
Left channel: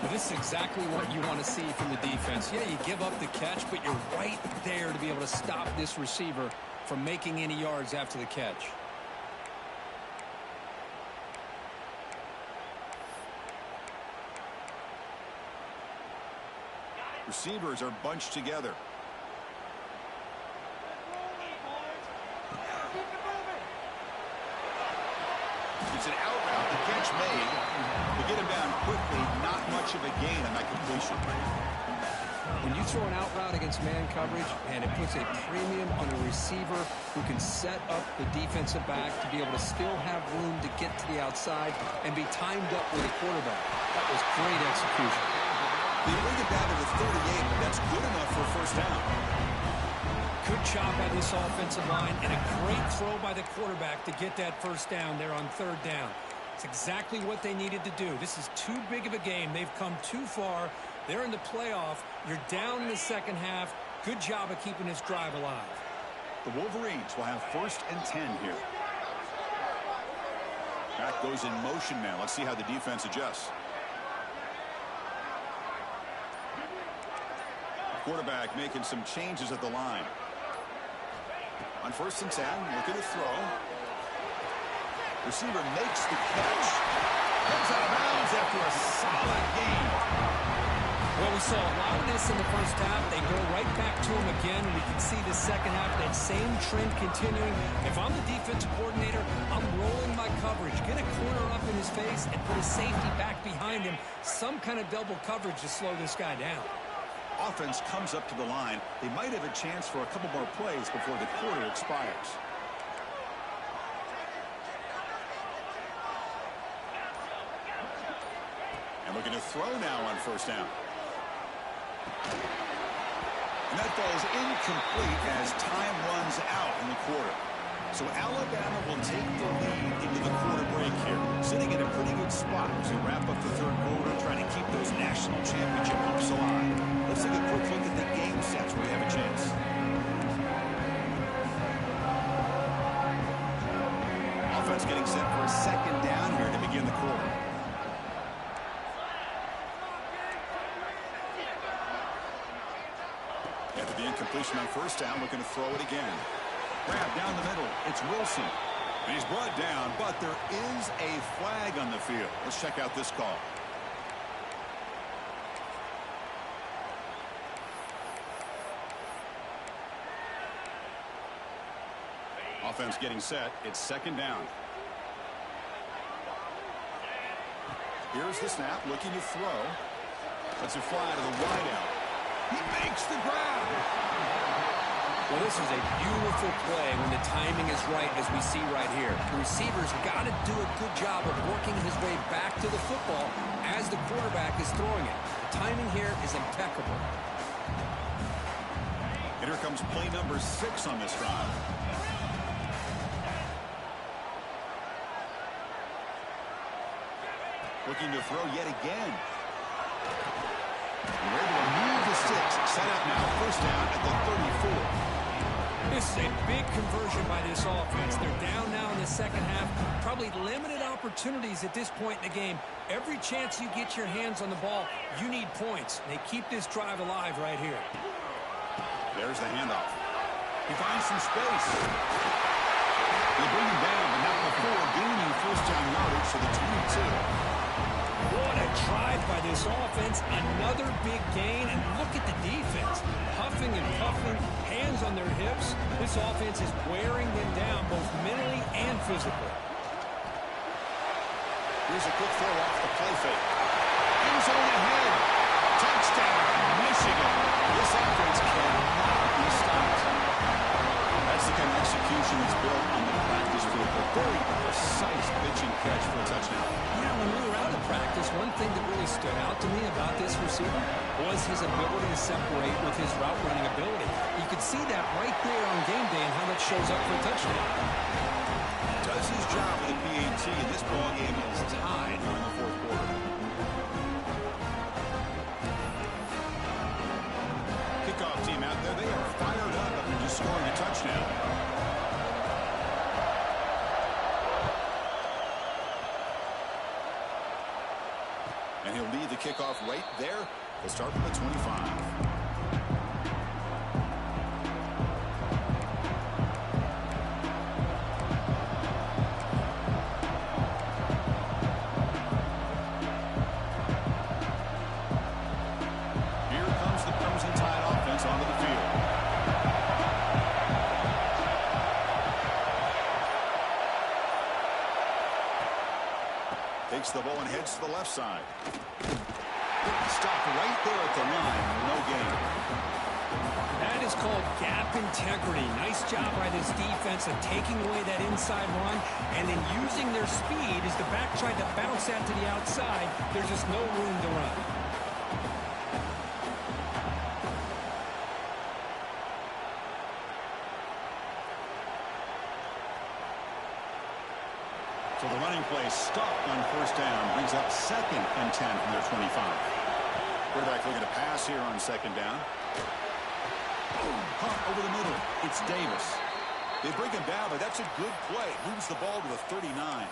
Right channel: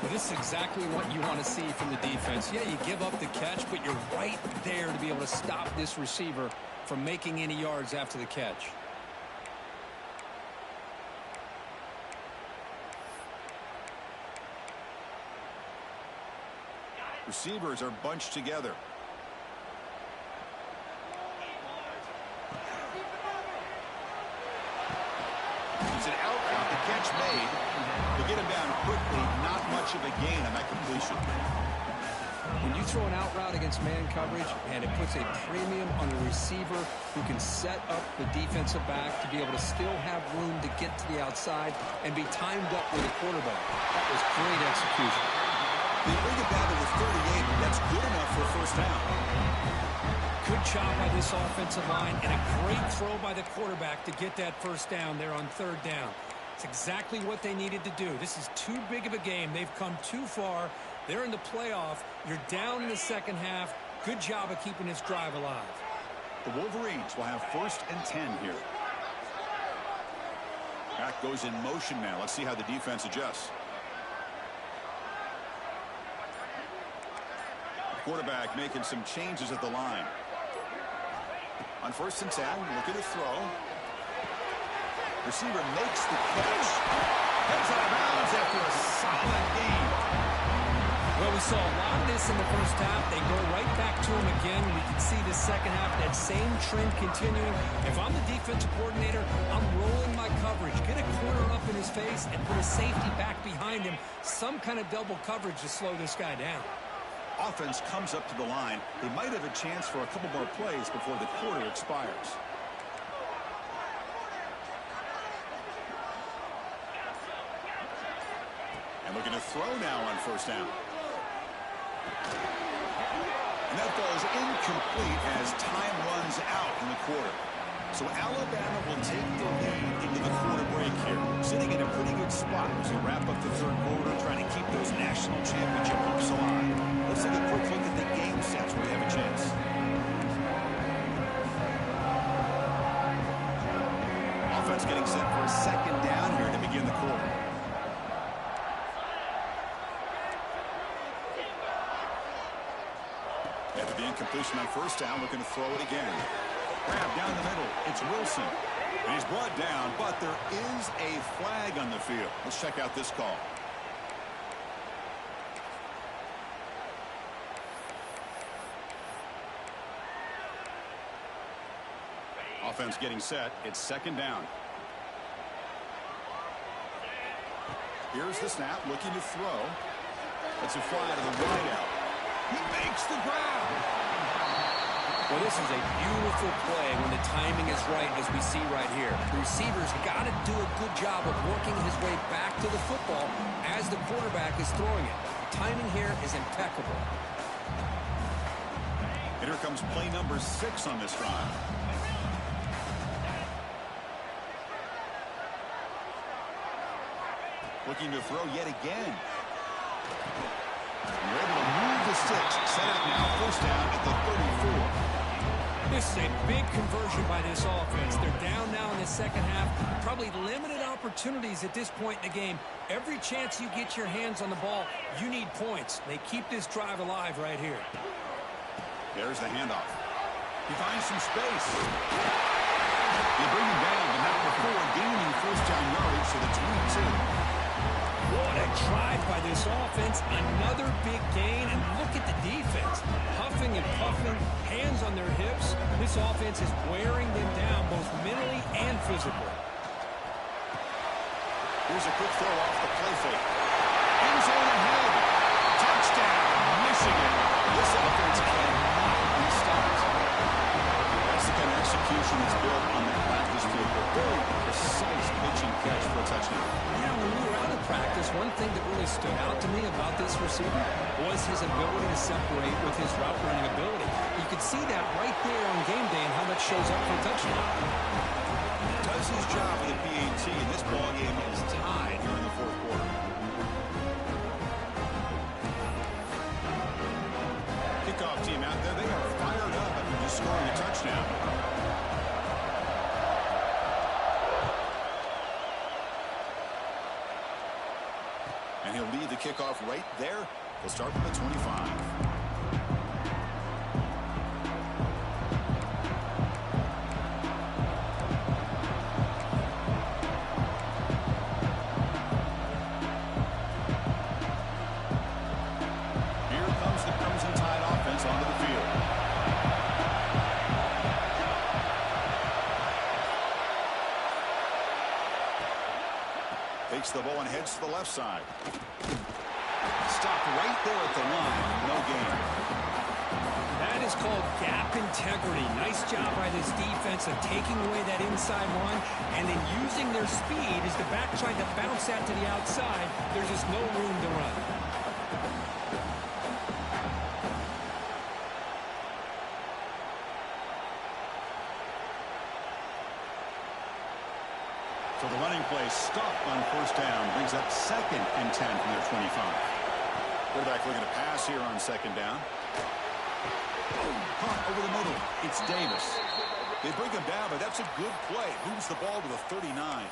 Well, this is exactly what you want to see from the defense. Yeah, you give up the catch, but you're right there to be able to stop this receiver from making any yards after the catch. Receivers are bunched together. It's an out route. The catch made. To get him down quickly, not much of a gain on that completion. When you throw an out route against man coverage, and it puts a premium on a receiver who can set up the defensive back to be able to still have room to get to the outside and be timed up with the quarterback. That was great execution. They bring it down to the 38, but that's good enough for a first down. Good job by this offensive line, and a great throw by the quarterback to get that first down there on third down. It's exactly what they needed to do. This is too big of a game. They've come too far. They're in the playoff. You're down in the second half. Good job of keeping this drive alive. The Wolverines will have 1st and 10 here. Back goes in motion now. Let's see how the defense adjusts. Quarterback making some changes at the line. On 1st and 10, look at the throw. Receiver makes the catch. Heads out of bounds after a solid gain. Well, we saw a lot of this in the first half. They go right back to him again. We can see the second half, that same trend continuing. If I'm the defensive coordinator, I'm rolling my coverage. Get a corner up in his face and put a safety back behind him. Some kind of double coverage to slow this guy down. Offense comes up to the line. They might have a chance for a couple more plays before the quarter expires. And looking to throw now on first down. And that falls incomplete as time runs out in the quarter. So Alabama will take the lead into the quarter break here, sitting in a pretty good spot as we wrap up the third quarter, trying to keep those national championship hopes alive. Let's take a quick look at the game sets where we have a chance. Offense getting set for a second down here to begin the quarter. After the incompletion on first down, looking to throw it again. Grab down the middle. It's Wilson. And he's brought down, but there is a flag on the field. Let's check out this call. Offense getting set. It's second down. Here's the snap, looking to throw. Let's it fly to the wideout. He makes the grab. Well, this is a beautiful play when the timing is right, as we see right here. The receiver's got to do a good job of working his way back to the football as the quarterback is throwing it. The timing here is impeccable. And here comes play number 6 on this drive. Looking to throw yet again. And we're able to move the sticks. Set up now, first down at the 34. This is a big conversion by this offense. They're down now in the second half. Probably limited opportunities at this point in the game. Every chance you get your hands on the ball, you need points. They keep this drive alive right here. There's the handoff. He finds some space. They bring him down, but not before gaining first down yardage to the 22. What a drive by this offense. Another big gain, and look at the defense. Huffing and puffing, hands on their hips. This offense is wearing them down both mentally and physically. Here's a quick throw off the play fake. End zone ahead. Touchdown, Michigan. This offense cannot be stopped. That's the kind of execution that's built on the practice field. A very precise pitching catch for a touchdown. Yeah, when we were out of practice, one thing that really stood out to me about this receiver was his ability to separate with his route running ability. You could see that right there on game day and how that shows up for a touchdown. Does his job with the PAT, and this ball game is tied here in the fourth quarter. Kickoff team out there, they are fired up after just scoring a touchdown. And he'll lead the kickoff right there. We'll start from the 25. Onto the field. Takes the ball and heads to the left side. Stopped right there at the line. No gain. That is called gap integrity. Nice job by this defense of taking away that inside run and then using their speed as the back tried to bounce that to the outside. There's just no room to run. So the running play stopped on first down. Brings up 2nd and 10 from their 25. Quarterback looking to pass here on second down. Punt over the middle. It's Davis. They bring him down, but that's a good play. Moves the ball to the 39.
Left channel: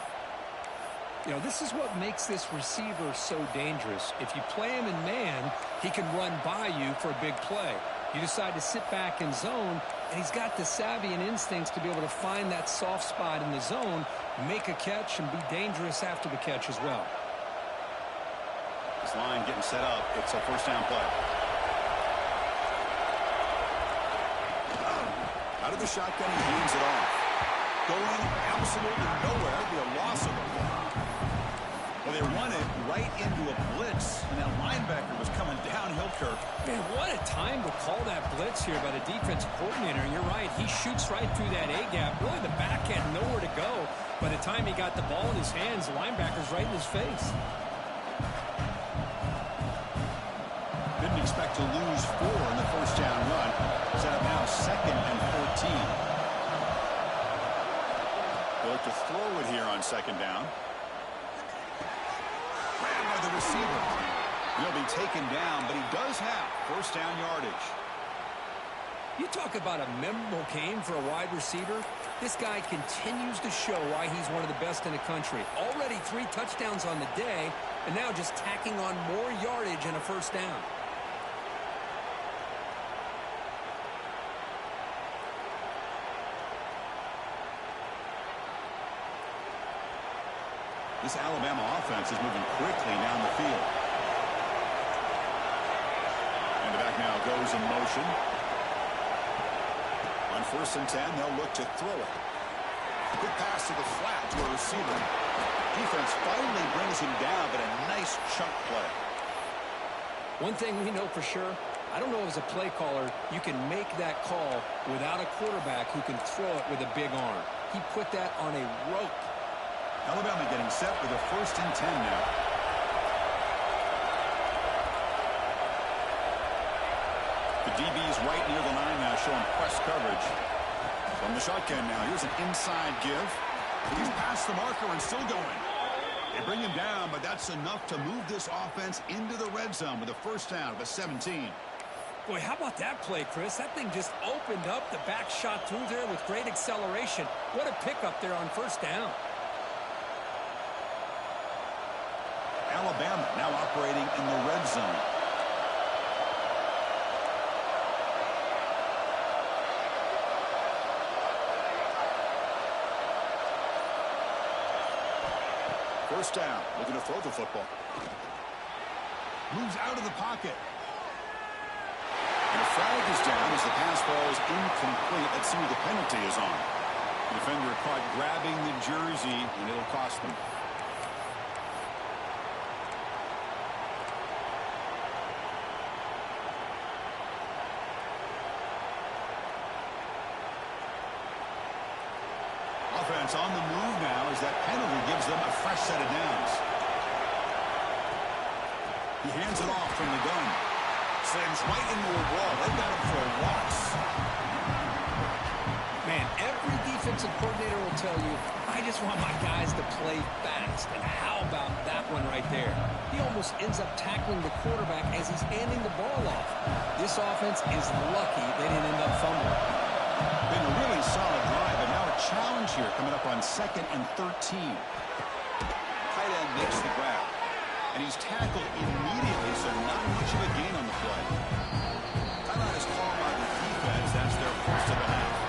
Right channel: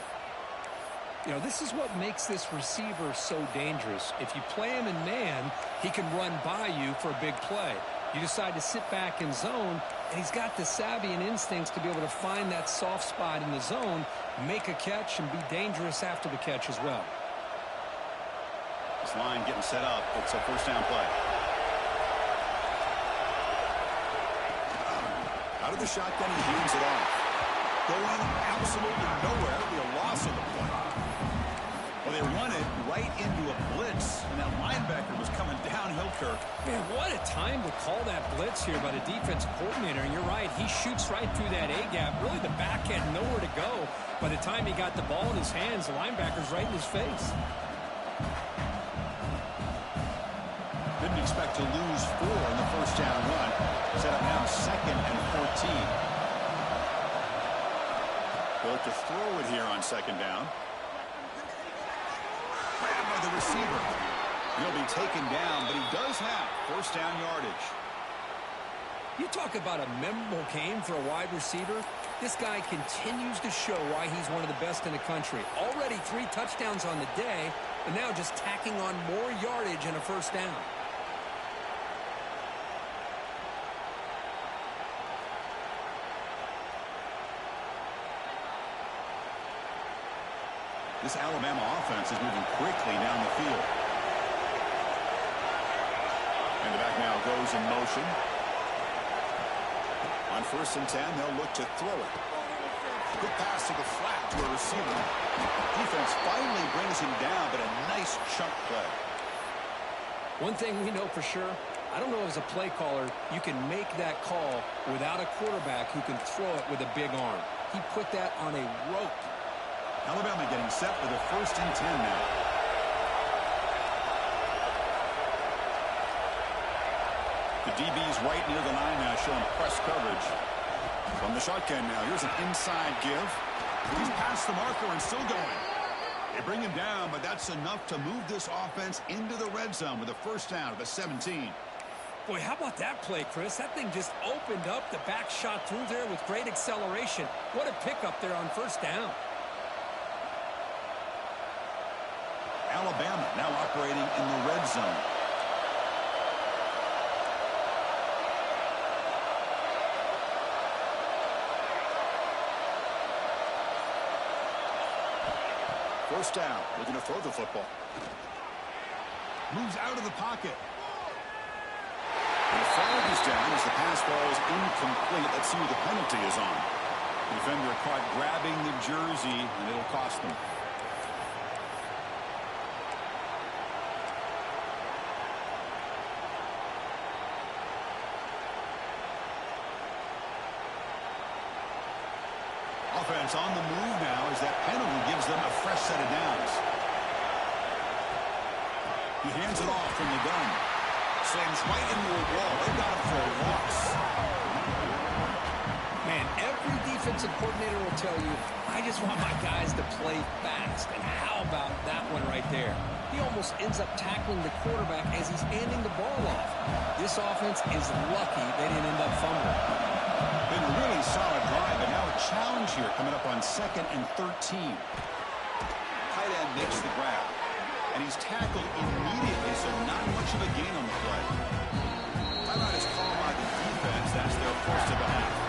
You know, this is what makes this receiver so dangerous. If you play him in man, he can run by you for a big play. You decide to sit back in zone, and he's got the savvy and instincts to be able to find that soft spot in the zone, make a catch, and be dangerous after the catch as well. This line getting set up. It's a first down play. Out of the shotgun, he hands it off. Going absolutely nowhere. It'll be a loss of the play. Well, they run it right into a blitz, and that linebacker was coming downhill, Kirk. Man, what a time to call that blitz here by the defensive coordinator. And you're right, he shoots right through that A-gap. Really, the back had nowhere to go. By the time he got the ball in his hands, the linebacker's right in his face. Didn't expect to lose 4 in the first down run. Set up now 2nd and 14. They'll look to throw it here on 2nd down. Grabbed by the receiver. He'll be taken down, but he does have first down yardage. You talk about a memorable game for a wide receiver. This guy continues to show why he's one of the best in the country. Already 3 touchdowns on the day, and now just tacking on more yardage and a first down. This Alabama offense is moving quickly down the field. And the back now goes in motion. On 1st and 10, they'll look to throw it. Good pass to the flat to a receiver. Defense finally brings him down, but a nice chunk play. One thing we know for sure, I don't know as a play caller, you can make that call without a quarterback who can throw it with a big arm. He put that on a rope. Alabama getting set for the 1st and 10 now. The DB's right near the line now, showing press coverage. From the shotgun now, here's an inside give. He's past the marker and still going. They bring him down, but that's enough to move this offense into the red zone with a first down of the 17. Boy, how about that play, Chris? That thing just opened up. The back shot through there with great acceleration. What a pickup there on first down. Alabama now operating in the red zone. First down, looking to throw the football. Moves out of the pocket. And a flag is down as the pass falls incomplete. Let's see who the penalty is on. The defender caught grabbing the jersey, and it'll cost them. Offense on the move now as that penalty gives them a fresh set of downs. He hands it off from the gun. Slams right into a wall. They've got him for a loss. Man, every defensive coordinator will tell you, I just want my guys to play fast. And how about that one right there? He almost ends up tackling the quarterback as he's handing the ball off. This offense is lucky they didn't end up fumbling. Been a really solid drive, but now a challenge here coming up on 2nd and 13. Tight end makes the grab. And he's tackled immediately, so not much of a gain on the play. Timeout is called by the defense. That's their first of the half.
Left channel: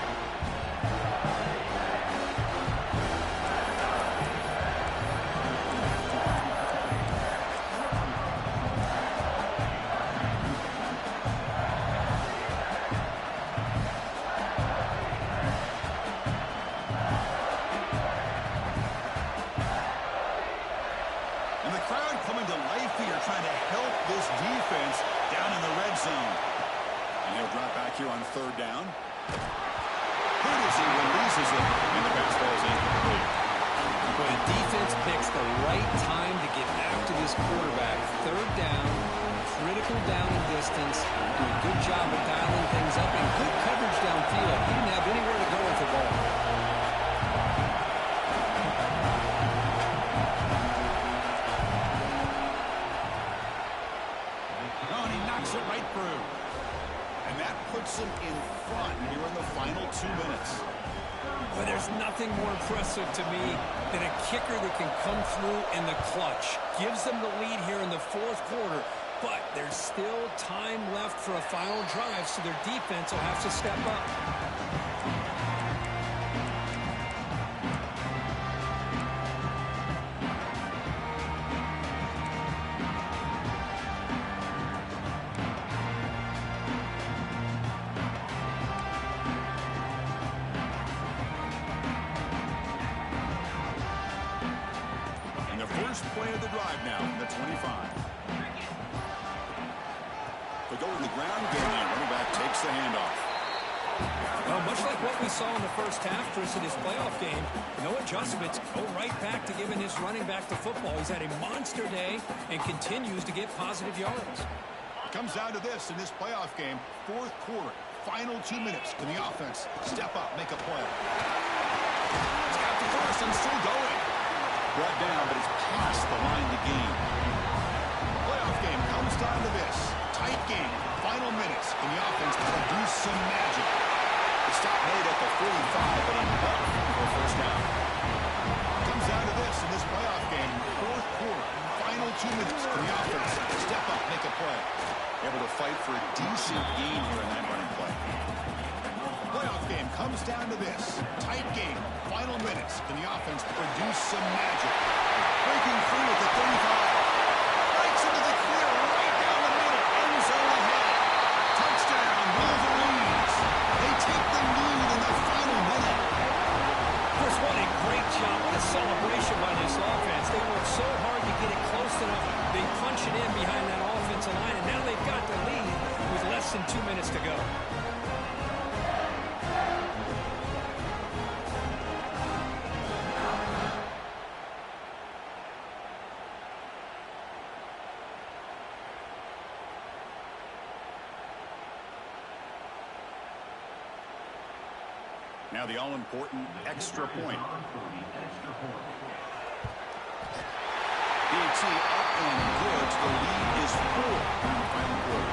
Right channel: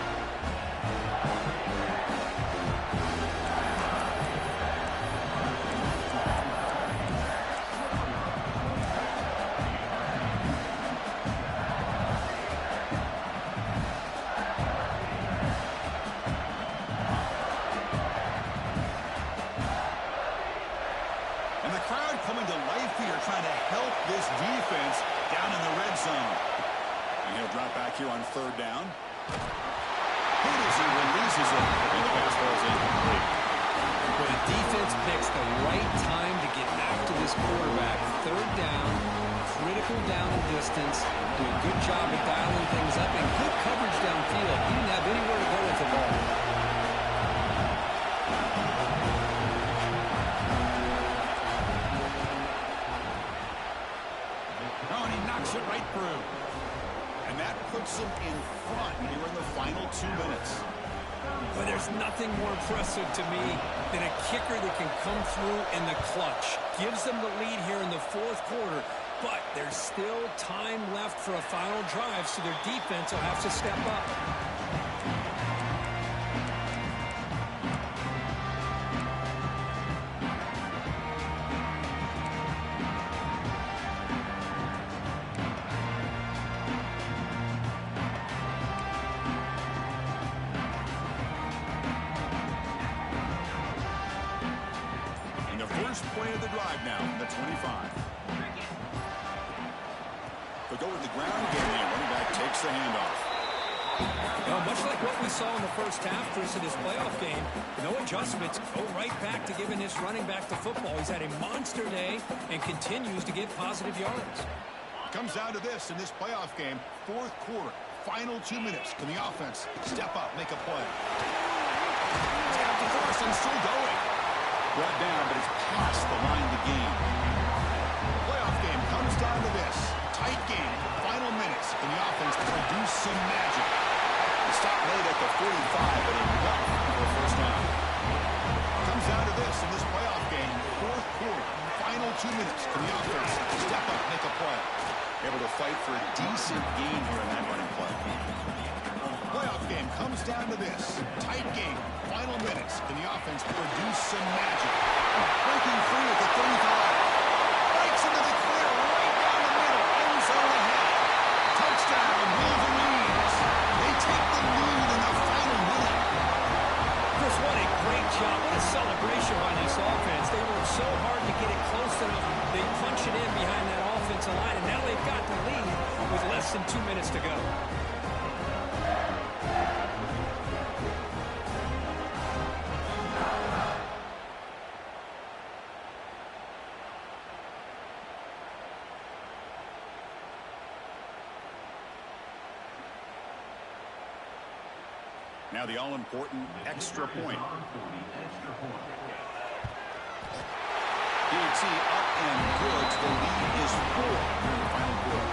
Coming to life here, trying to help this defense down in the red zone. And he'll drop back here on 3rd down. Good as he releases it, and the pass ball is incomplete. But the defense picks the right time to get after this quarterback. 3rd down, critical down and distance. Do a good job of dialing things up, and good coverage downfield. He didn't have anywhere to go with the ball. And he knocks it right through. And that puts him in front here in the final 2 minutes. But there's nothing more impressive to me than a kicker that can come through in the clutch. Gives them the lead here in the 4th quarter. But there's still time left for a final drive, so their defense will have to step up. first play of the drive now from the 25. They go in the ground game, and running back takes the handoff. Well, much like what we saw in the first half, Chris, in his playoff game, no adjustments, go right back to giving his running back the football. He's had a monster day and continues to get positive yards. Comes down to this in this playoff game, fourth quarter, final 2 minutes. Can the offense step up, make a play? It's got the first and still going. Brought down, but it's past the line to gain. The playoff game comes down to this. Tight game, final minutes. Can the offense produce some magic? The stop made at the 45, but enough for a first down. Comes down to this in this playoff game, fourth quarter, final 2 minutes. Can the offense step up, make a play? Able to fight for a decent gain here in that running play. Playoff game comes down to this. Tight game, final minutes. Can the offense produce some magic? Breaking free at the 35. Breaks into the clear right down the middle. End zone ahead. Touchdown, Wolverines. They take the lead in the final minute. Chris, what a great job. What a celebration by this offense. They worked so hard to get it close enough. They punch it in behind that offensive line, and now they've got the lead with less than 2 minutes to go. Now the all-important extra point. DT up and good. The lead is 4 here in the final quarter.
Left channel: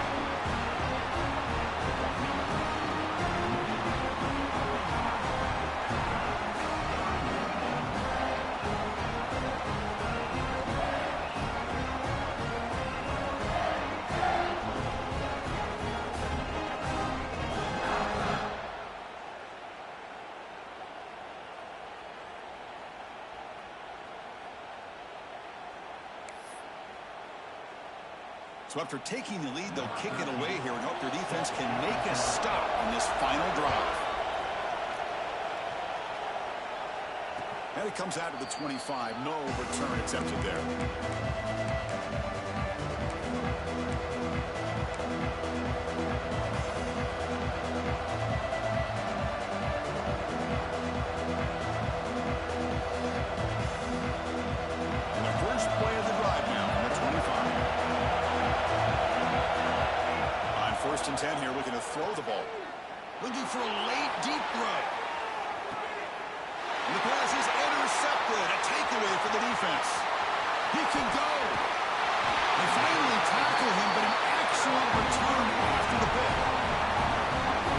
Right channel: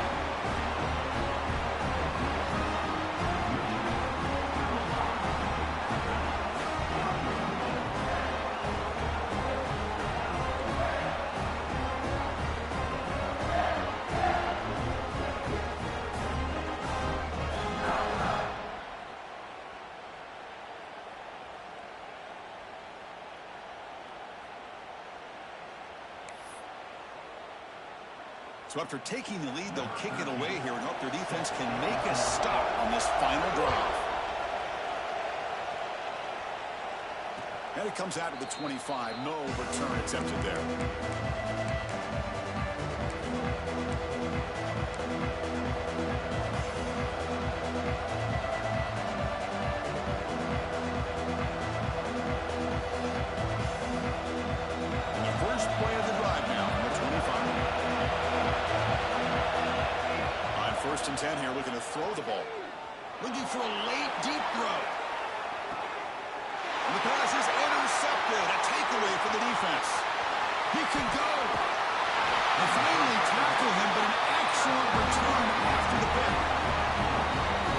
So after taking the lead, they'll kick it away here and hope their defense can make a stop on this final drive. And it comes out to the 25. No return attempted there. And the first play of the drive now from the 25. On first and 10 here, looking to throw the ball. Looking for a late, deep throw. And the pass is intercepted. A takeaway for the defense. He can go. They finally tackle him, but an excellent return after the pick.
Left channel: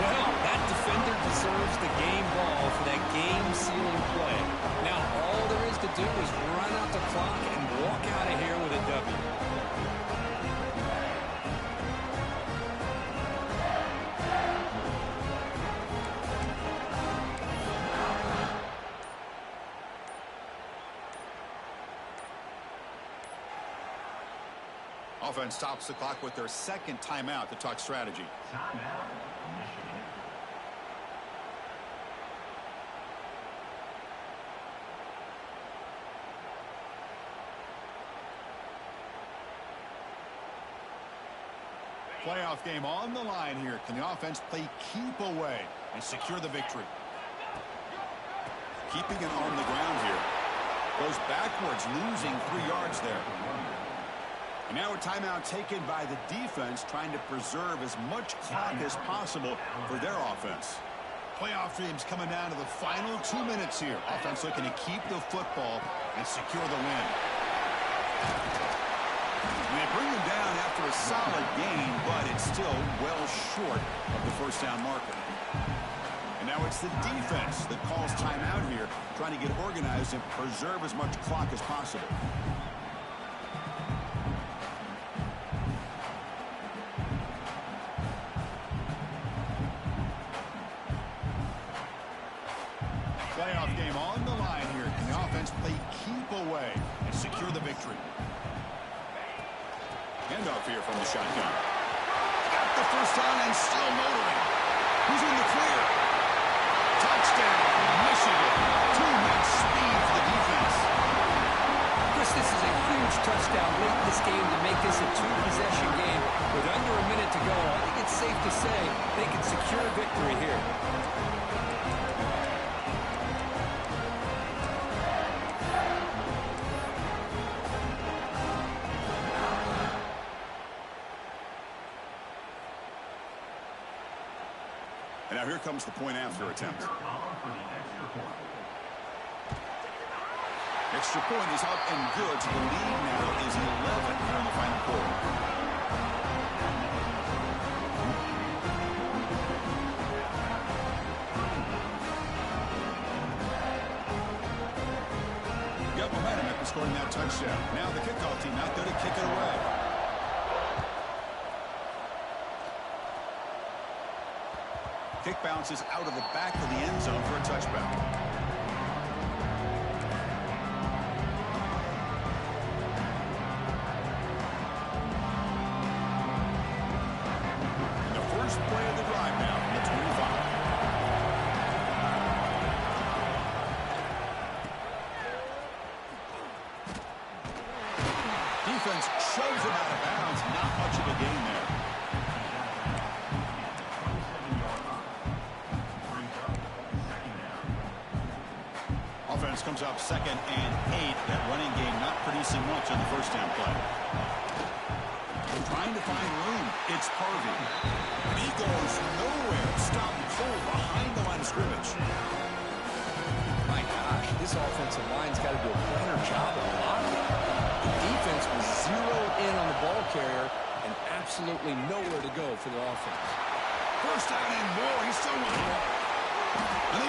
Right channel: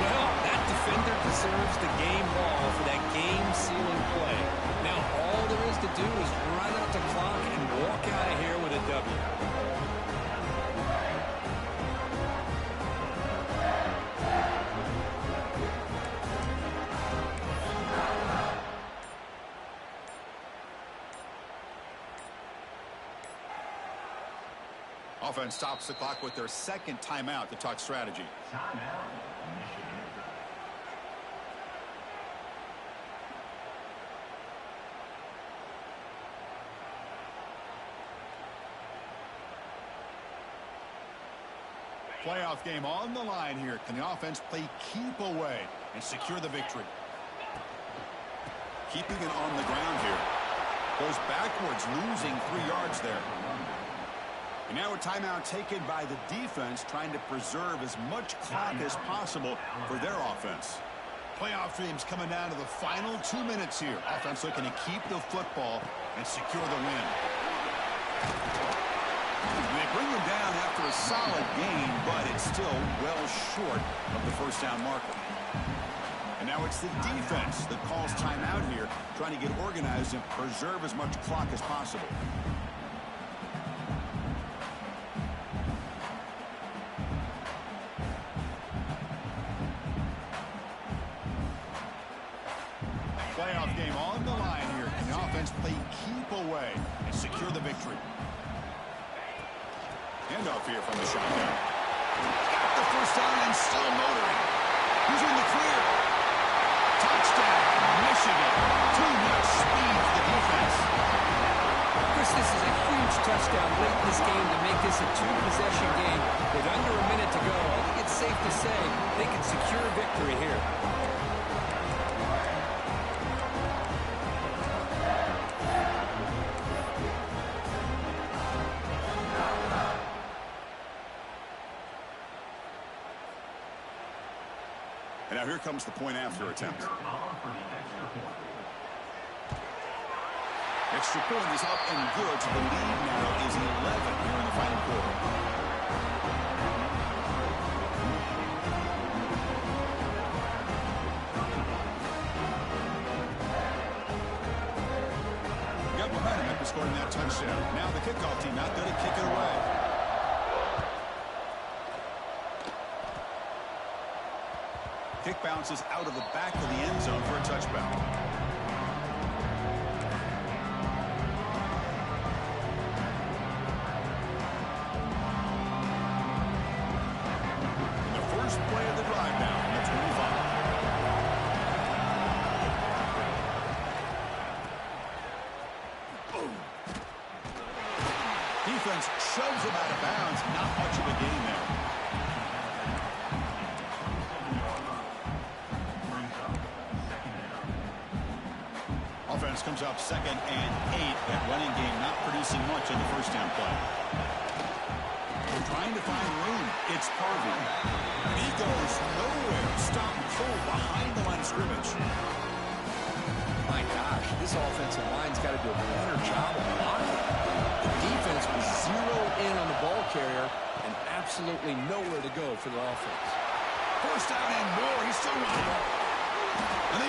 Well, that defender deserves the game ball for that game-sealing play. Now all there is to do is run out the clock and walk out of here with a W. Offense stops the clock with their second timeout to talk strategy. Timeout, Michigan. Playoff game on the line here. Can the offense play keep away and secure the victory? Keeping it on the ground here. Goes backwards, losing 3 yards there. And now a timeout taken by the defense, trying to preserve as much clock as possible for their offense. Playoff dreams coming down to the final 2 minutes here. Offense looking to keep the football and secure the win. And they bring them down after a solid gain, but it's still well short of the first down marker. And now it's the defense that calls timeout here, trying to get organized and preserve as much clock as possible. Playoff game on the line here. Can the offense play keep away and secure the victory? Handoff here from the shotgun. Got the first down and still motoring. Who's in the clear? Touchdown, Michigan. Too much speed for the defense. Chris, this is a huge touchdown late in this game to make this a two-possession game. With under a minute to go, I think it's safe to say they can secure victory here. And now here comes the point after attempt. Extra point is up and good, so the lead now is 11 here in the final quarter. Got momentum after scoring that touchdown. Now the kickoff team out there to kick it away. Kick bounces out of the back of the end zone for a touchback. Play of the drive now from the 25. Defense shoves him out of bounds. Not much of a gain there. Offense comes up 2nd and 8. That running game not producing much on the first down play. Trying to find room. It's Harvey. And he goes nowhere. Stop and pull behind the line of scrimmage. My gosh, this offensive line's got to do a better job of blocking. The defense was zeroed in on the ball carrier and absolutely nowhere to go for the offense. First down and more. He's still running. And they